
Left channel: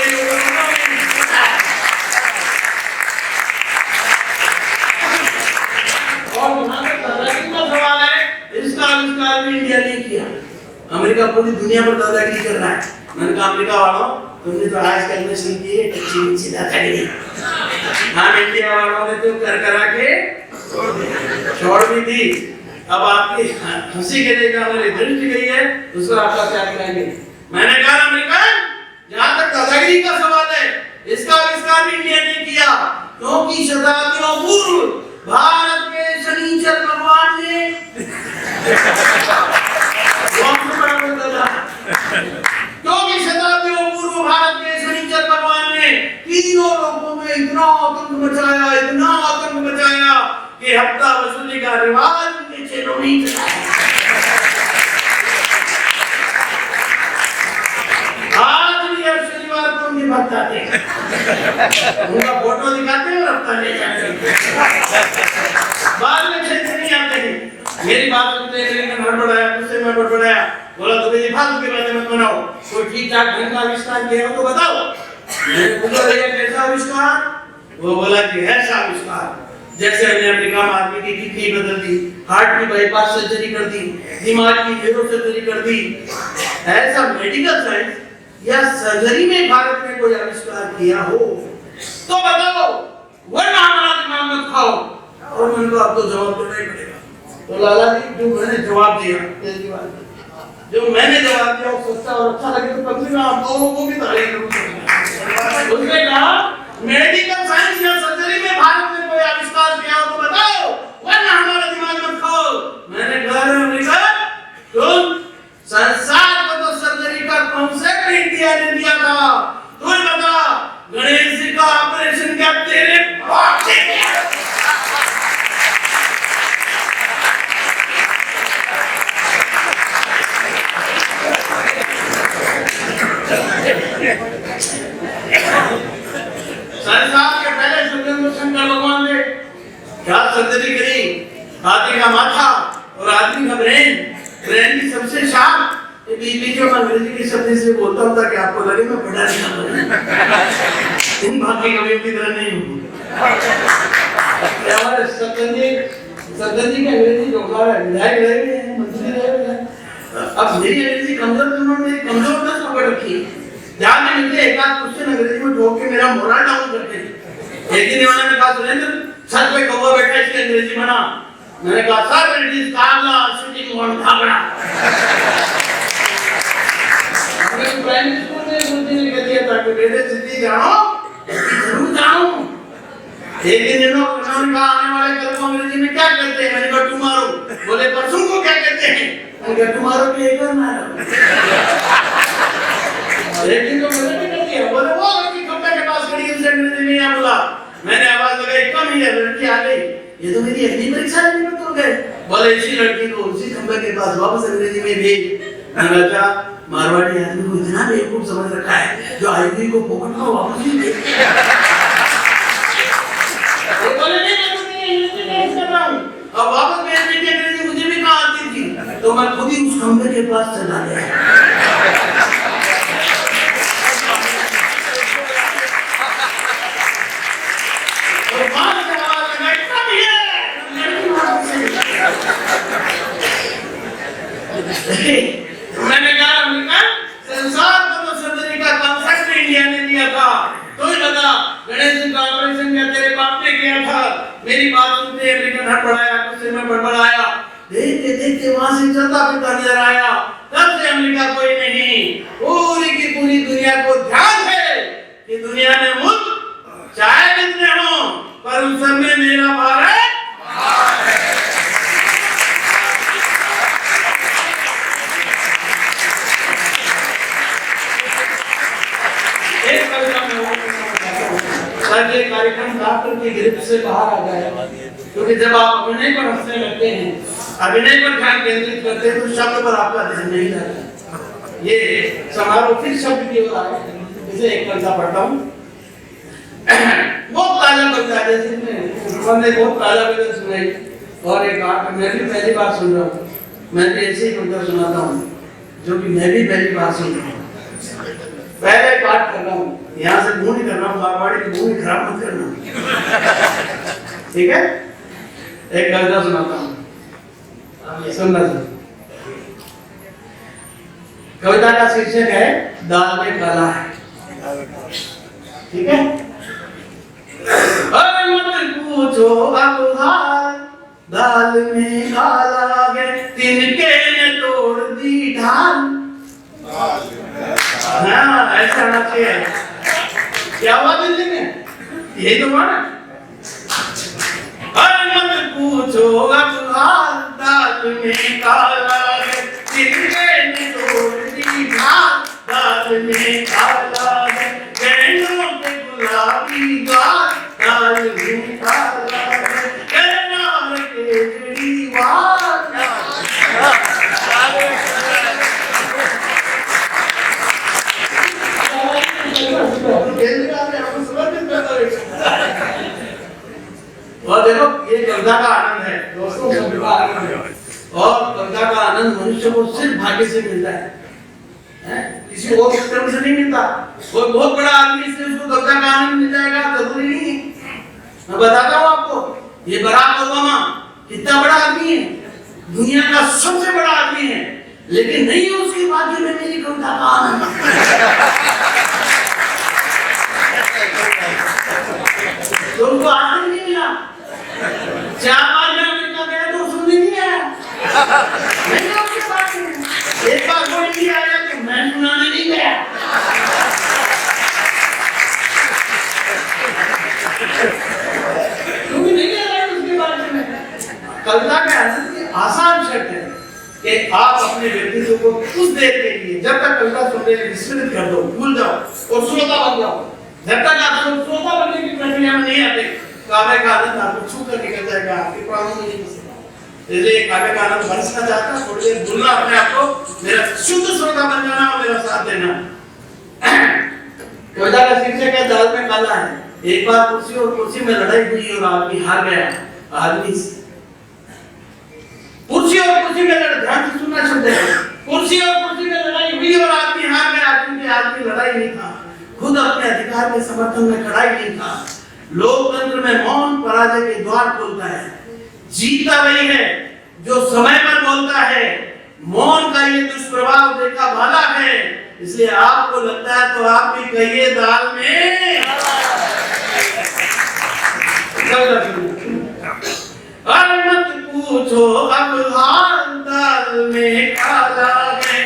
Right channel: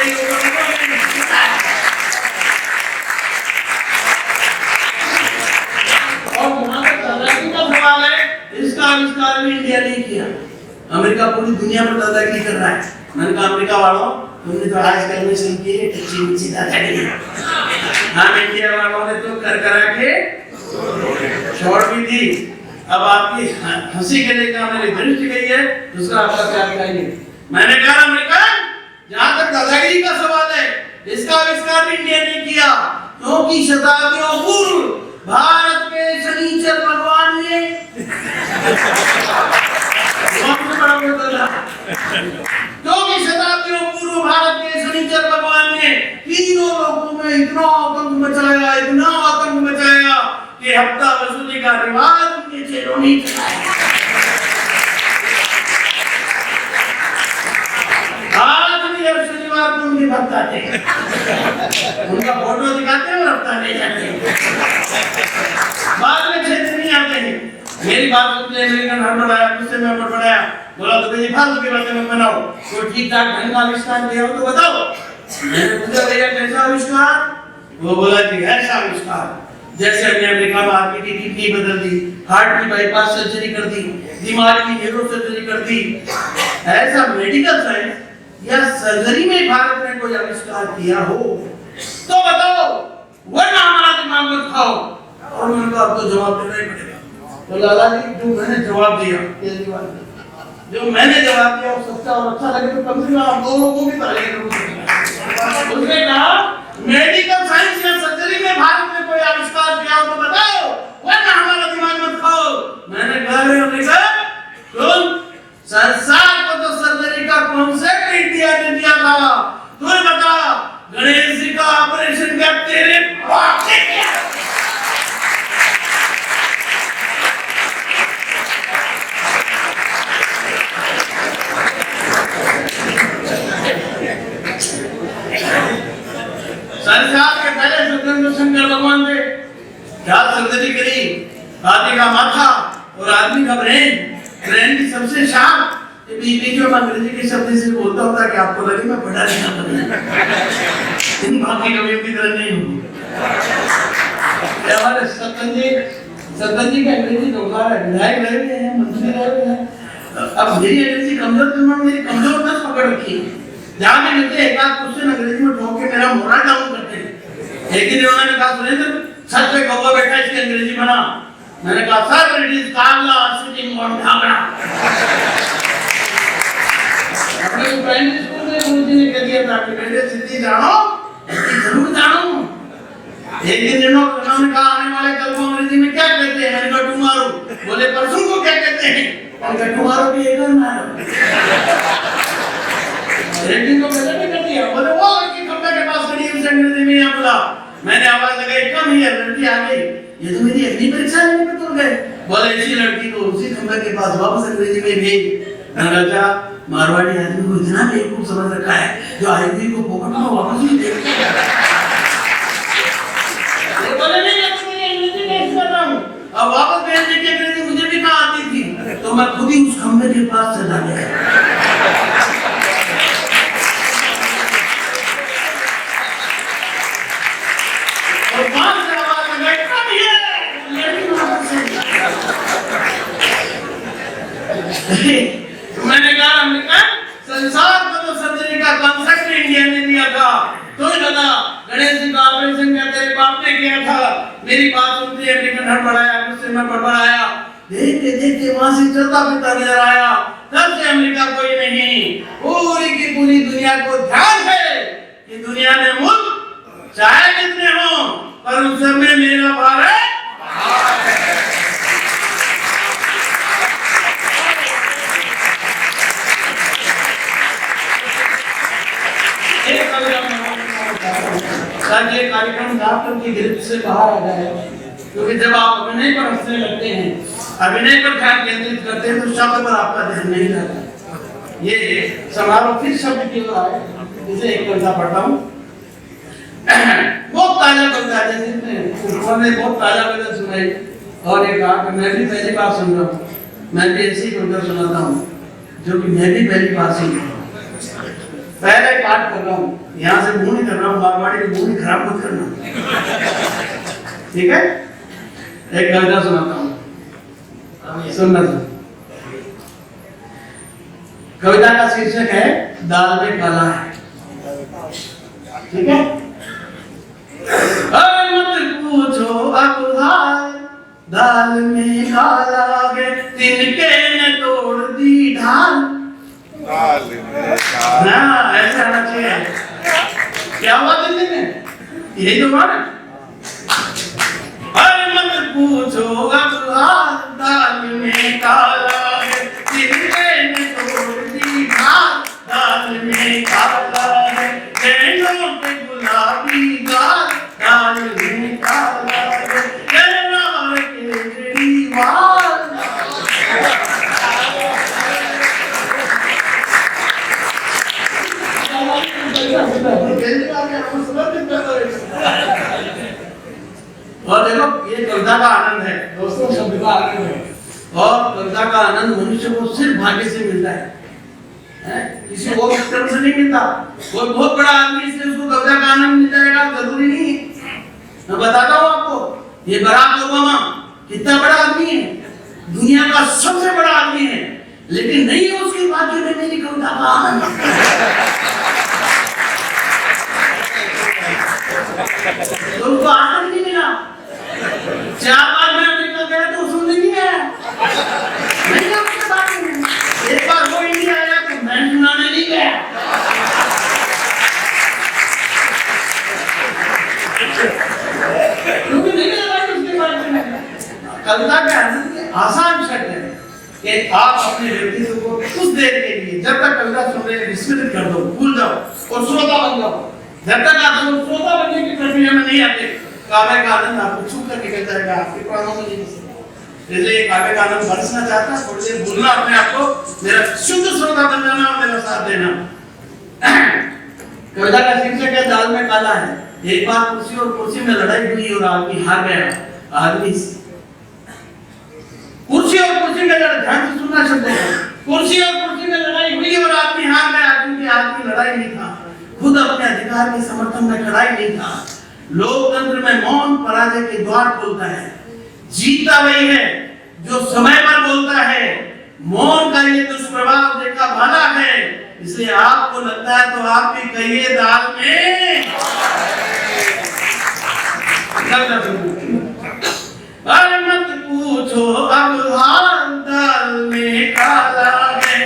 और सवाल है, इसका आविष्कार भी इंडिया ने किया। अमेरिका पूरी दुनिया पर दादागिरी कर रहा है। मैंने कहा अमेरिका वालों, तुमने तो आज कैलकुलेशन की है, अच्छी दादागिरी। हम इंडिया वालों ने तो कर करा के छोड़ भी दी। अब आपकी हंसी के लिए हमारी दृष्टि गई है, दूसरा आपका क्या कहेंगे। मैंने कहा अमेरिका, जहां तक दादागिरी का सवाल है, इसका आविष्कार भी इंडिया ने किया, क्योंकि शताब्दियों पूर्व भारत के शनिचर भगवान ने क्योंकि शताब्दियों पूर्व भारत के शनिचर भगवान ने तीनों लोगों में इतना आतंक मचाया कि हफ्ता वसूली का रिवाज उनके चेहरों में चलाया। आज भी हर शनिवार को उनके भक्त आते हैं, उनका फोटो दिखाते हैं और हफ्ता ले जाते हैं, बाद में क्षेत्र नहीं आते हैं। मेरी बात सुनते हैं लेकिन हड़बड़ाया, मुझसे मैं बड़बड़ाया, बोला तो मेरी फालतू की बातें मत बनाओ, कोई ठीक ठाक ढंग का आविष्कार किया हो तो बताओ। मैंने पूछा भैया कैसा आविष्कार? वो बोला कि ऐसा आविष्कार जैसे हमने अमेरिका में आदमी की किडनी बदल दी, हार्ट की बाईपास सर्जरी कर दी, दिमाग की न्यूरो सर्जरी कर दी। ऐसा मेडिकल साइंस या सर्जरी में भारत ने कोई आविष्कार किया हो तो बताओ, वरना हमारा दिमाग मत खाओ। और मैंने कहा आपको जवाब देना ही पड़ेगा। तो लाला जी जो मैंने जवाब दिया, जो मैंने जवाब दिया वो सच्चा और अच्छा लगे तो कम से कम आप लोगों को भी तारीफ करो। उसने कहा मेडिकल साइंस या सर्जरी में भारत ने कोई आविष्कार किया हो तो बताओ, वरना हमारा दिमाग मत खाओ। मैंने कहा तुम संसार को तो सर्जरी का कॉन्सेप्ट इंडिया ने दिया था, तू बता गणेश जी का ऑपरेशन क्या तेरे बाप ने किया? संसार के पहले शंकर भगवान ने क्या सर्जरी करी? हाथी का माथा और आदमी का ब्रेन की सबसे शार्प। बीच में अंग्रेजी के शब्द से बोलता होता कि आपको लगे मैं पढ़ा लिखा बना, इन बाकी कभी भी तरह नहीं होगी। हमारे सतन जी का अंग्रेजी ढोका है, विधायक रहे हैं, मंत्री रहे हैं। अब मेरी अंग्रेजी कमजोर, तुमने मेरी कमजोर न पकड़ रखी है। जहाँ भी मिलते एक आध क्वेश्चन अंग्रेजी में ठोक के मेरा मोरल डाउन करते हैं। एक दिन उन्होंने कहा सुरेंद्र सच में कौवा बैठा इसकी अंग्रेजी बना। मैंने कहा सर इट इज काला सिटिंग ऑन धागड़ा। अपने प्राइमरी स्कूल में गुरुजी ने कह दिया था कि बेटे सिद्धि जानो, जरूर जानो। एक दिन इन्होंने कहा आने वाले कल को अंग्रेजी में क्या कहते हैं? मैंने कहा टुमारो। बोले परसों को क्या कहते हैं? मैंने कहा टुमारो भी एक ना। लेकिन तो मैंने भी कर दिया। बोले वो लड़की कमरे के पास खड़ी उसे अंग्रेजी में यहाँ बोला। मैंने आवाज लगाई कम ही है, लड़की आ गई। ये तो मेरी अगली परीक्षा लेने में तो गए। बोले इसी लड़की को उसी कमरे के पास वापस अंग्रेजी में भेज। मैंने कहा मारवाड़ी आदमी को इतना बेवकूफ समझ रखा है जो आईवी को पॉकेट में वापस नहीं देता। वो बोले नहीं मैं तुम्हें अंग्रेजी नहीं कर रहा हूँ। अब वापस भेजने की अंग्रेजी मुझे भी कहाँ आती थी, तो मैं खुद ही उस कमरे के पास चला गया। बड़बड़ाया, देखते देखते वहां से चलता फिरता नजर आया। तब से अमेरिका कोई नहीं, पूरी की पूरी दुनिया को ध्यान है कि दुनिया में मुल्क चाहे कितने हों, पर उन सब में मेरा भारत ताकि कार्यक्रम डॉक्टर की गिरफ्त से बाहर आ जाए। क्योंकि जब आप अभिनय पर हंसने लगते हैं, अभिनय पर ध्यान केंद्रित करते हैं, तो शब्द पर आपका ध्यान नहीं जाता। ये समारोह फिर शब्द की ओर आए। जैसे एक कविता पढ़ता हूँ, बहुत ताजा कविता है, जिसने बहुत ताजा कविता सुनाई और एक आठ मैं भी पहली बार सुन रहा हूँ। मैं भी ऐसी कविता सुनाता हूँ जो कि मैं भी पहली बार सुन रहा हूँ। पहले पाठ कर रहा हूँ, यहाँ से मुंह नहीं कर रहा हूँ, बागवाड़ी की मुंह नहीं खराब मत करना, ठीक है? एक कविता सुनाता हूँ, अब ये सुनना था। कविता का शीर्षक है दाल में काला है, ठीक है? अरे मत पूछो अब हाल, दाल में काला है, तिनके ने तोड़ दी ढाल। हाँ, ऐसा होना चाहिए। क्या हुआ दिल्ली में? यही तो हुआ ना? अरे मत पूछो अब हाल, दाल में काला है, तिनके ने तोड़ दी ढाल। दाल में काला है, गैलों पे गुलाबी गाल। दाल में काला है, गैलों के केजरीवाल। और देखो ये कविता का आनंद है दोस्तों, सब का आनंद है। और कविता का आनंद मनुष्य को सिर्फ भाग्य से मिलता है, किसी और क्रम से नहीं मिलता। कोई बहुत बड़ा आदमी इससे उसको कविता का आनंद मिल जाएगा जरूरी नहीं। मैं बताता हूँ आपको, ये बराक ओबामा कितना बड़ा आदमी है, दुनिया का सबसे बड़ा आदमी है, लेकिन नहीं है उसके भाग्य में मेरी कविता का आनंद। तो उनको आनंद नहीं मिला। 4 बार मैं अमेरिका गया तो सुनने नहीं आया, नहीं आपके पास में। एक बार वो इंडिया आया तो मैं सुनाने नहीं गया। क्योंकि नहीं लगा उसके बारे में। कविता के आनंद के आसान शब्द है कि आप अपने व्यक्तित्व को कुछ देर के लिए जब तक कविता सुन रहे हैं विस्मृत कर दो, भूल जाओ और श्रोता बन जाओ। जब तक आप श्रोता बनने की प्रक्रिया में नहीं आते, काव्य का आनंद आपको छू कर निकल जाएगा, आपके प्राणों में नहीं बसेगा। इसलिए काव्य का आनंद बरसना चाहता है, थोड़ी देर भूलना अपने आप को, मेरा शुद्ध श्रोता बन जाना और मेरा साथ देना। कविता का शीर्षक है दाल में काला है। एक बार कुर्सी और कुर्सी में लड़ाई हुई और आदमी हार गया। आदमी कुर्सी और कुर्सी में लड़ाई, ध्यान से सुनना शब्द है, कुर्सी और कुर्सी में लड़ाई हुई और आदमी हार गया। क्योंकि आदमी लड़ाई नहीं था, खुद अपने अधिकार के समर्थन में खड़ा ही नहीं था। लोकतंत्र में मौन पराजय के द्वार खोलता है। जीता वही है जो समय पर बोलता है। मौन का ये दुष्प्रभाव देखा भाला है। इसलिए आपको लगता है तो आप भी कहिए दाल में। अरे मत पूछो अब हाल, दाल में काला है,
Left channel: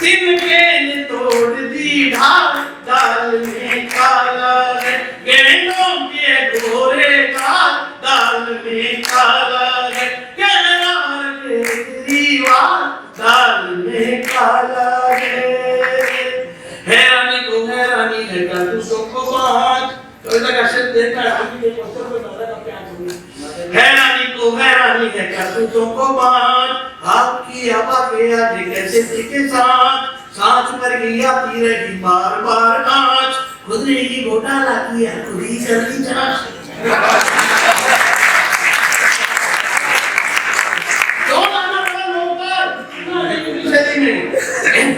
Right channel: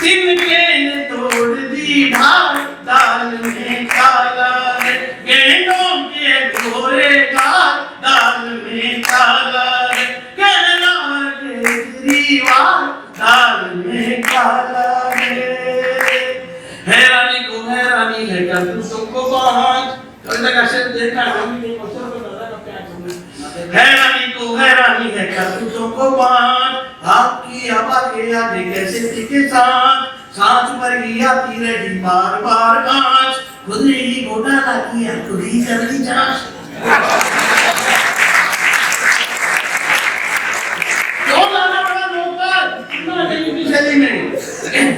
तिनके ने तोड़ दी ढाल। दाल में काला है, गेंडों के गोरे गाल। दाल में काला है, गैलों के केजरीवाल। दाल में काला है। हैरानी को हैरानी है करतूतों को बाँच। कविता का शेर देखा है, अभी एक बच्चों को दादा का प्यार सुनिए। हैरानी को हैरानी है करतूतों को बाँच। आपकी हवा के आगे कैसे टिके साथ, सांच पर ही आती रही बार बार आँच। खुद ने ही घोटाला किया, खुद ही कर ली जांच।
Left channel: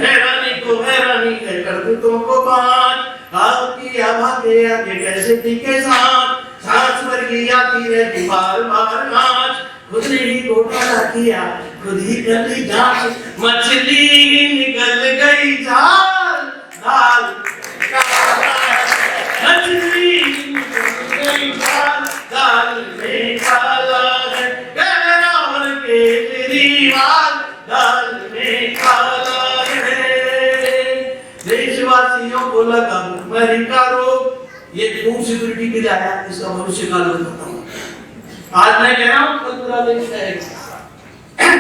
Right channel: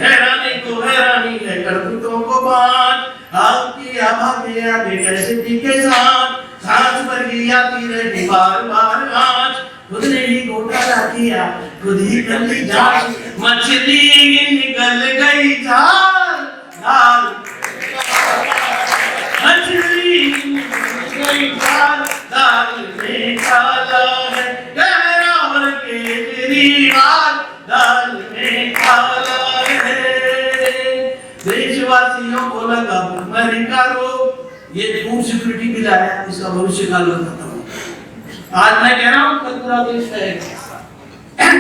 हैरानी को हैरानी है करतूतों को बाँच। आपकी हवा के आगे कैसे टिके साथ, सांच पर ही आती रही बार बार आँच। खुद ने ही घोटाला किया, खुद ही कर ली जांच। मछली निकल गई जाल, दाल मछली निकल गई जाल। दाल में काला है, सीईओ को लगा अमेरिका रोग, ये फूड सिक्योरिटी के लिए आया, इसका भविष्य काल बताता हूँ। आज मैं कह रहा हूँ कल पूरा देश कहेगा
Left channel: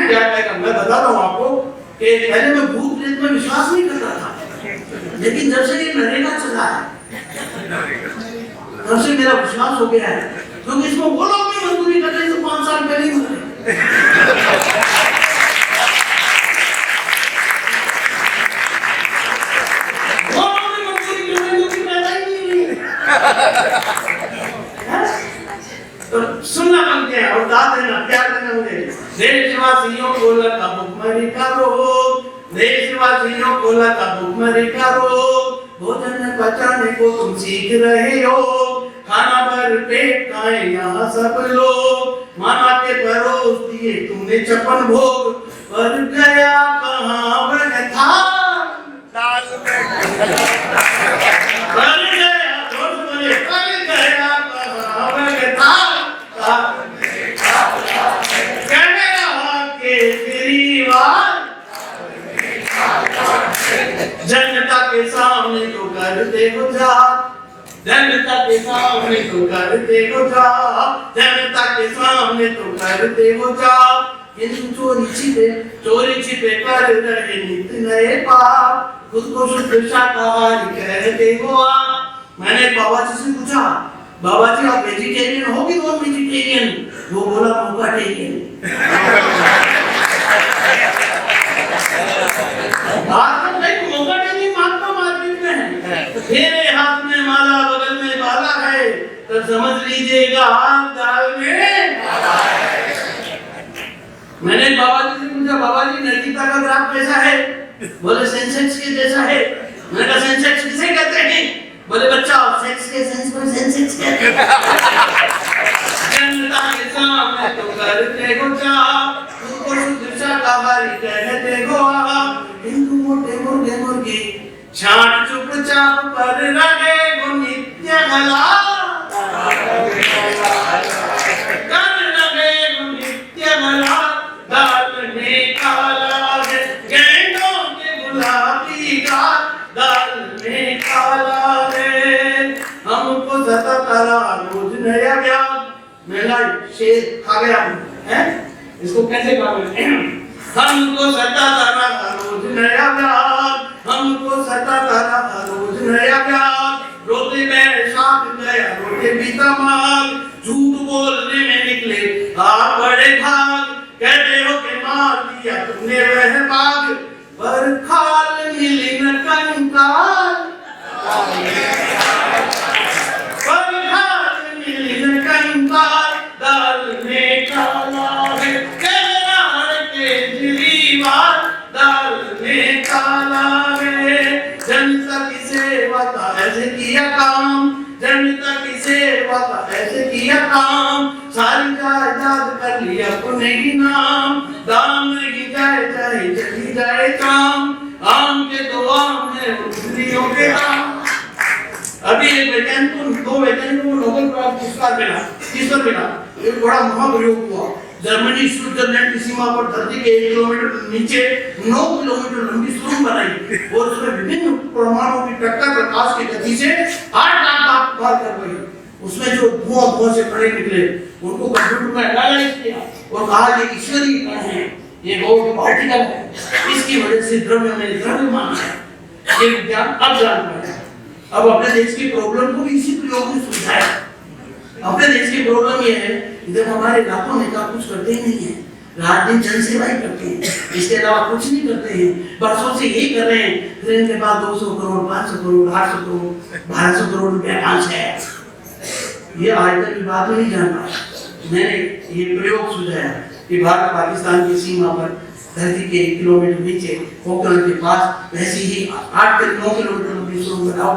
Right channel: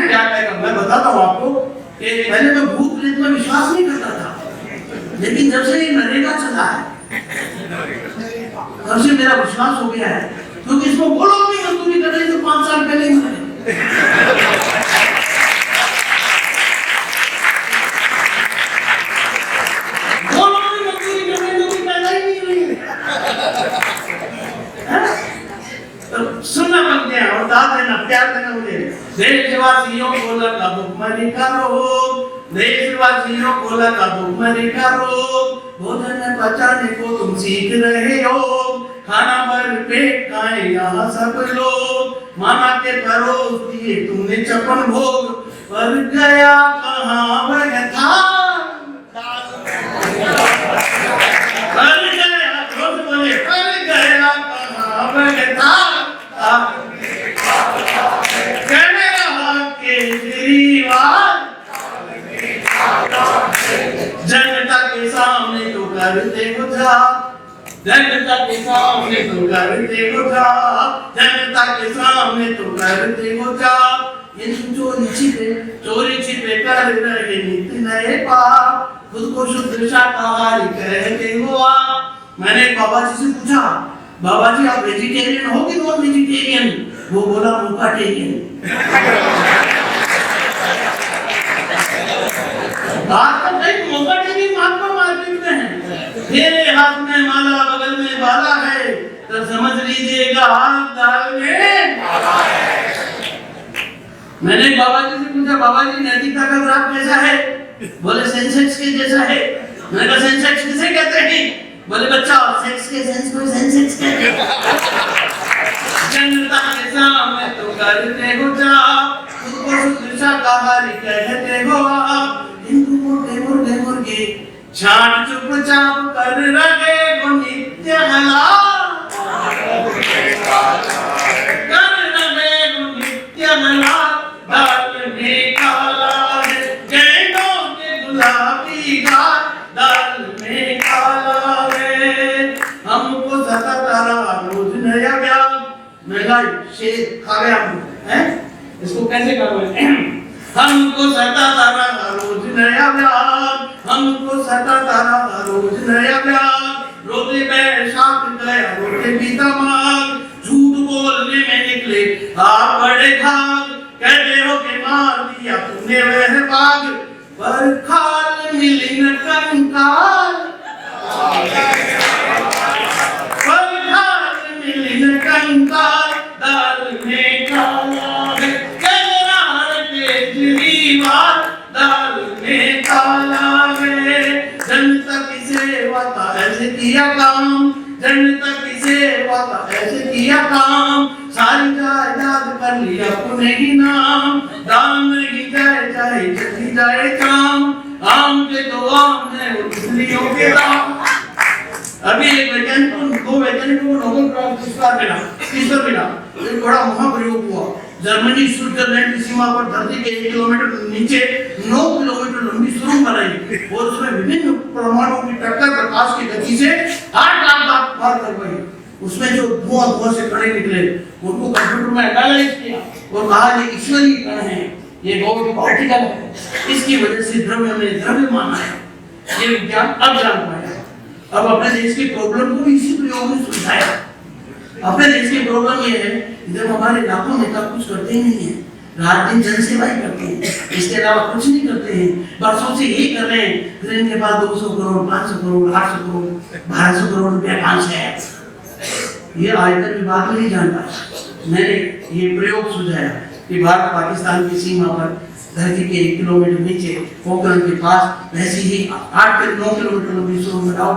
क्या कहेगा। मैं बताता हूँ आपको कि पहले मैं भूत प्रेत में विश्वास नहीं करता था, लेकिन जब से ये नरेगा चला है तब से मेरा विश्वास हो गया है, क्योंकि इसको बोलो कि मजदूरी कर रहे तो 5 साल पहले ही मरे। सुनना बन गया और दाद देना प्यार करना मुझे। देशवासियों को लगा भुखमरी का रोग, देशवासियों को लगा भुखमरी का रोग, भोजन पचाने को तुम सीख रहे हो, खाना भर पेट खाए यहाँ सब लोग, माना के परोस दिए तुमने 56 भोग, पर गया कहाँ वह था जनता के सामने तो करते हो जा, जनता के सामने तो करते हो जा, जनता के सामने तो करते हो जा, ये चोरी छिपे कर रहे नित्य नए पाप, खुद को शुद्ध शाकाहारी कहते हो आप। मैंने बाबा जी से पूछा, बाबा जी आप वेजिटेरियन हो कि नॉन वेजिटेरियन? वो बोला मोकाटेरियन। आजकल कई मोकाटेरियन महात्मा मार्केट में है, मेरे हाथ में माला बगल में बाला है, तो समझ लीजिएगा हाथ दाल में बाला है। मैंने बाबा जी से पूछा, बाबा जी नैतिकता का ग्राफ कैसा है? बोले सेंसेक्स के जैसा है। मैंने कहा सेंसेक्स किसे कहते हैं? बोले बच्चा सेक्स के सेंस को सेंसेक्स कहते हैं। जनता के सामने तो करते हो जा, तुमको शाकाहारी कहते हो आप, हिंदू मोटे मोटे मुर्गे छान चुपचाप कर रहे वो नित्य हला, कर रहे वो नित्य हला, दाल में काला है गेंदों के गुलाबी गाल, दाल में काला है। हमको सता तारा रोज नया ज्ञान, महंगाई शेर खा गया हैं, इसको कैसे खा गए? हमको सता तारा रोज नया ज्ञान, हमको सता तारा रोज नया ज्ञान, रोते बैसाख गया रोते पीता माग, झूठ बोलने में निकले आप बड़े भाग, कहते हो कि मार दिया तुमने वह बाग, पर खाल मिली न कंकाल, पर खाल मिली न कंकाल, दाल में काला है केरार केजरीवाल, दाल में काला है। जनता की सेवा का ऐसे किया काम, जनता की सेवा का ऐसे किया काम, सारी जायदाद कर लिया अपने ही नाम, दाम नहीं जाए चाहे चली जाए काम, आम के तो आम है उंगलियों के दाम। अभी एक वैज्ञानिक को, 2 वैज्ञानिकों को नोबेल प्राइज पुरस्कार मिला, तीसरा मिला। एक बड़ा महाप्रयोग हुआ, जर्मनी स्विट्जरलैंड की सीमा पर धरती के 1 किलोमीटर नीचे 9 किलोमीटर लंबी सुरंग बनाई और उसमें विभिन्न परमाणुओं की टक्कर प्रकाश की गति से 8 लाख बार कर गई। उसमें जो धुआं से कण निकले उनको कंप्यूटर में एनालाइज किया और कहा ये ईश्वरीय कण है, ये गॉड पार्टिकल है, इसकी वजह से द्रव्य में द्रव्य माना है। ये विज्ञान अब जान पाया। अब अपने देश की प्रॉब्लम को इसी प्रयोग में सुलझाया। अपने देश की प्रॉब्लम ये है जब हमारे इलाकों में कुछ करते ही नहीं है, रात दिन जन सेवा ही करते हैं, इसके अलावा कुछ नहीं करते हैं, बरसों से यही कर रहे हैं। फिर इनके पास 200 करोड़ 500 करोड़ 800 करोड़ 1200 करोड़ रुपया कांच है, ये आज तक की बात नहीं जान पाया। मैंने ये प्रयोग सुझाया कि भारत पाकिस्तान की सीमा पर धरती के 1 किलोमीटर नीचे पोखरण के पास ऐसी ही 8 से 9 किलोमीटर लंबी सुरंग बनाओ,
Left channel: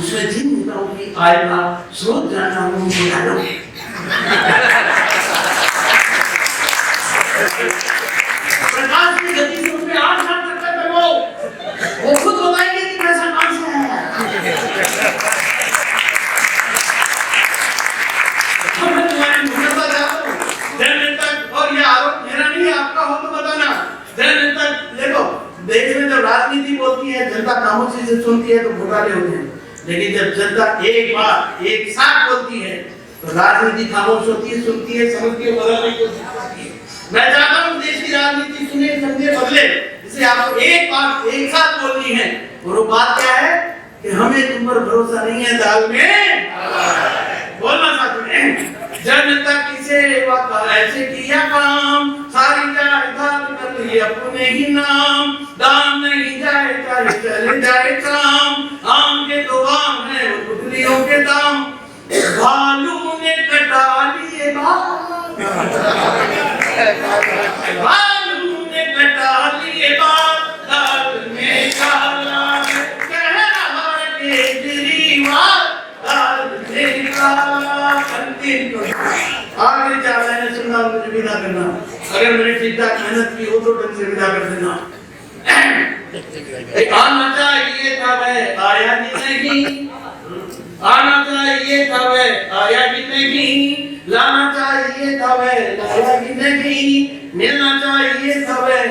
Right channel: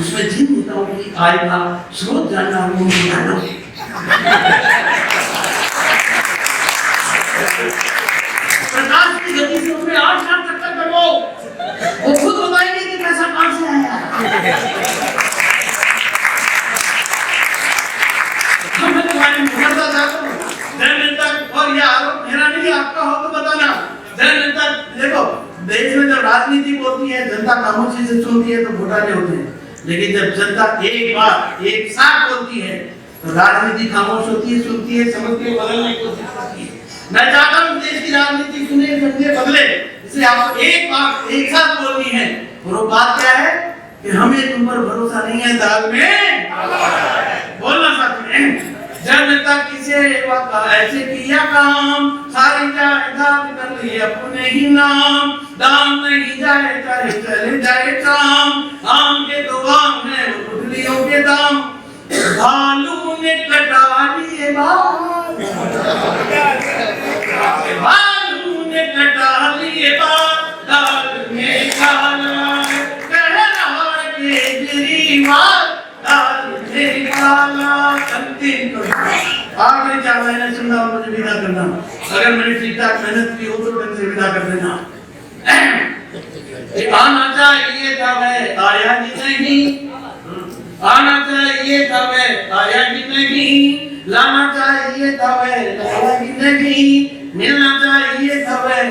उसमें जिन नेताओं की आय का स्रोत जानना हो उनको डालो। प्रकाश की गति से उसमें 8 लाख चक्कर करवाओ, वो खुद बताएंगे कि पैसा कहां से आया। हम तुम्हारे मुखर्ता जाओ जन तक, और ये आरोप मेरा नहीं आपका हो तो बताना। जन तक देखो, देश में जब राजनीति होती है जनता खामोशी से सुनती है तो घोटाले होते हैं, लेकिन जब जनता एक बार एक साथ बोलती है तो राजनीति खामोश होती है, सुनती है, समझती है, बदलने की कोशिश करती है। मैं चाहता हूँ देश की राजनीति सुने, समझे, बदले। इसे आपको एक बात एक साथ बोलनी है, और वो बात क्या है कि हमें तुम पर भरोसा नहीं है, दाल में बोलना साथ में। जब जनता किसे ऐसे किया काम, सारी जायदाद कर ली अपने ही नाम, दाम नहीं जाए चाहे चले जाए काम, आम के तो आम है गुठलियों के दाम, भालू ने कटा लिए बाल, भालू ने कटा लिए बाल, दाल में काला कह रहा केजरीवाल, दाल में काला। अंतिम आगे जाना है, सुनना, मुझे विदा करना। अगर मैंने ठीक ठाक मेहनत की हो तो ढंग से विदा कर देना। आना चाहिए था वह आया ही नहीं, आना चाहिए था वह आया ही नहीं, लाना चाहिए था वह लाया ही नहीं, मिलना चाहिए था वह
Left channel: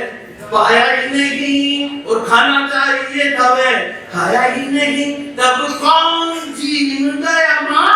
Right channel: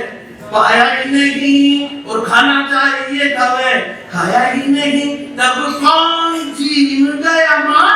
पाया ही नहीं, और खाना चाहिए था वह खाया ही नहीं। तब कौन छीन गया माँ?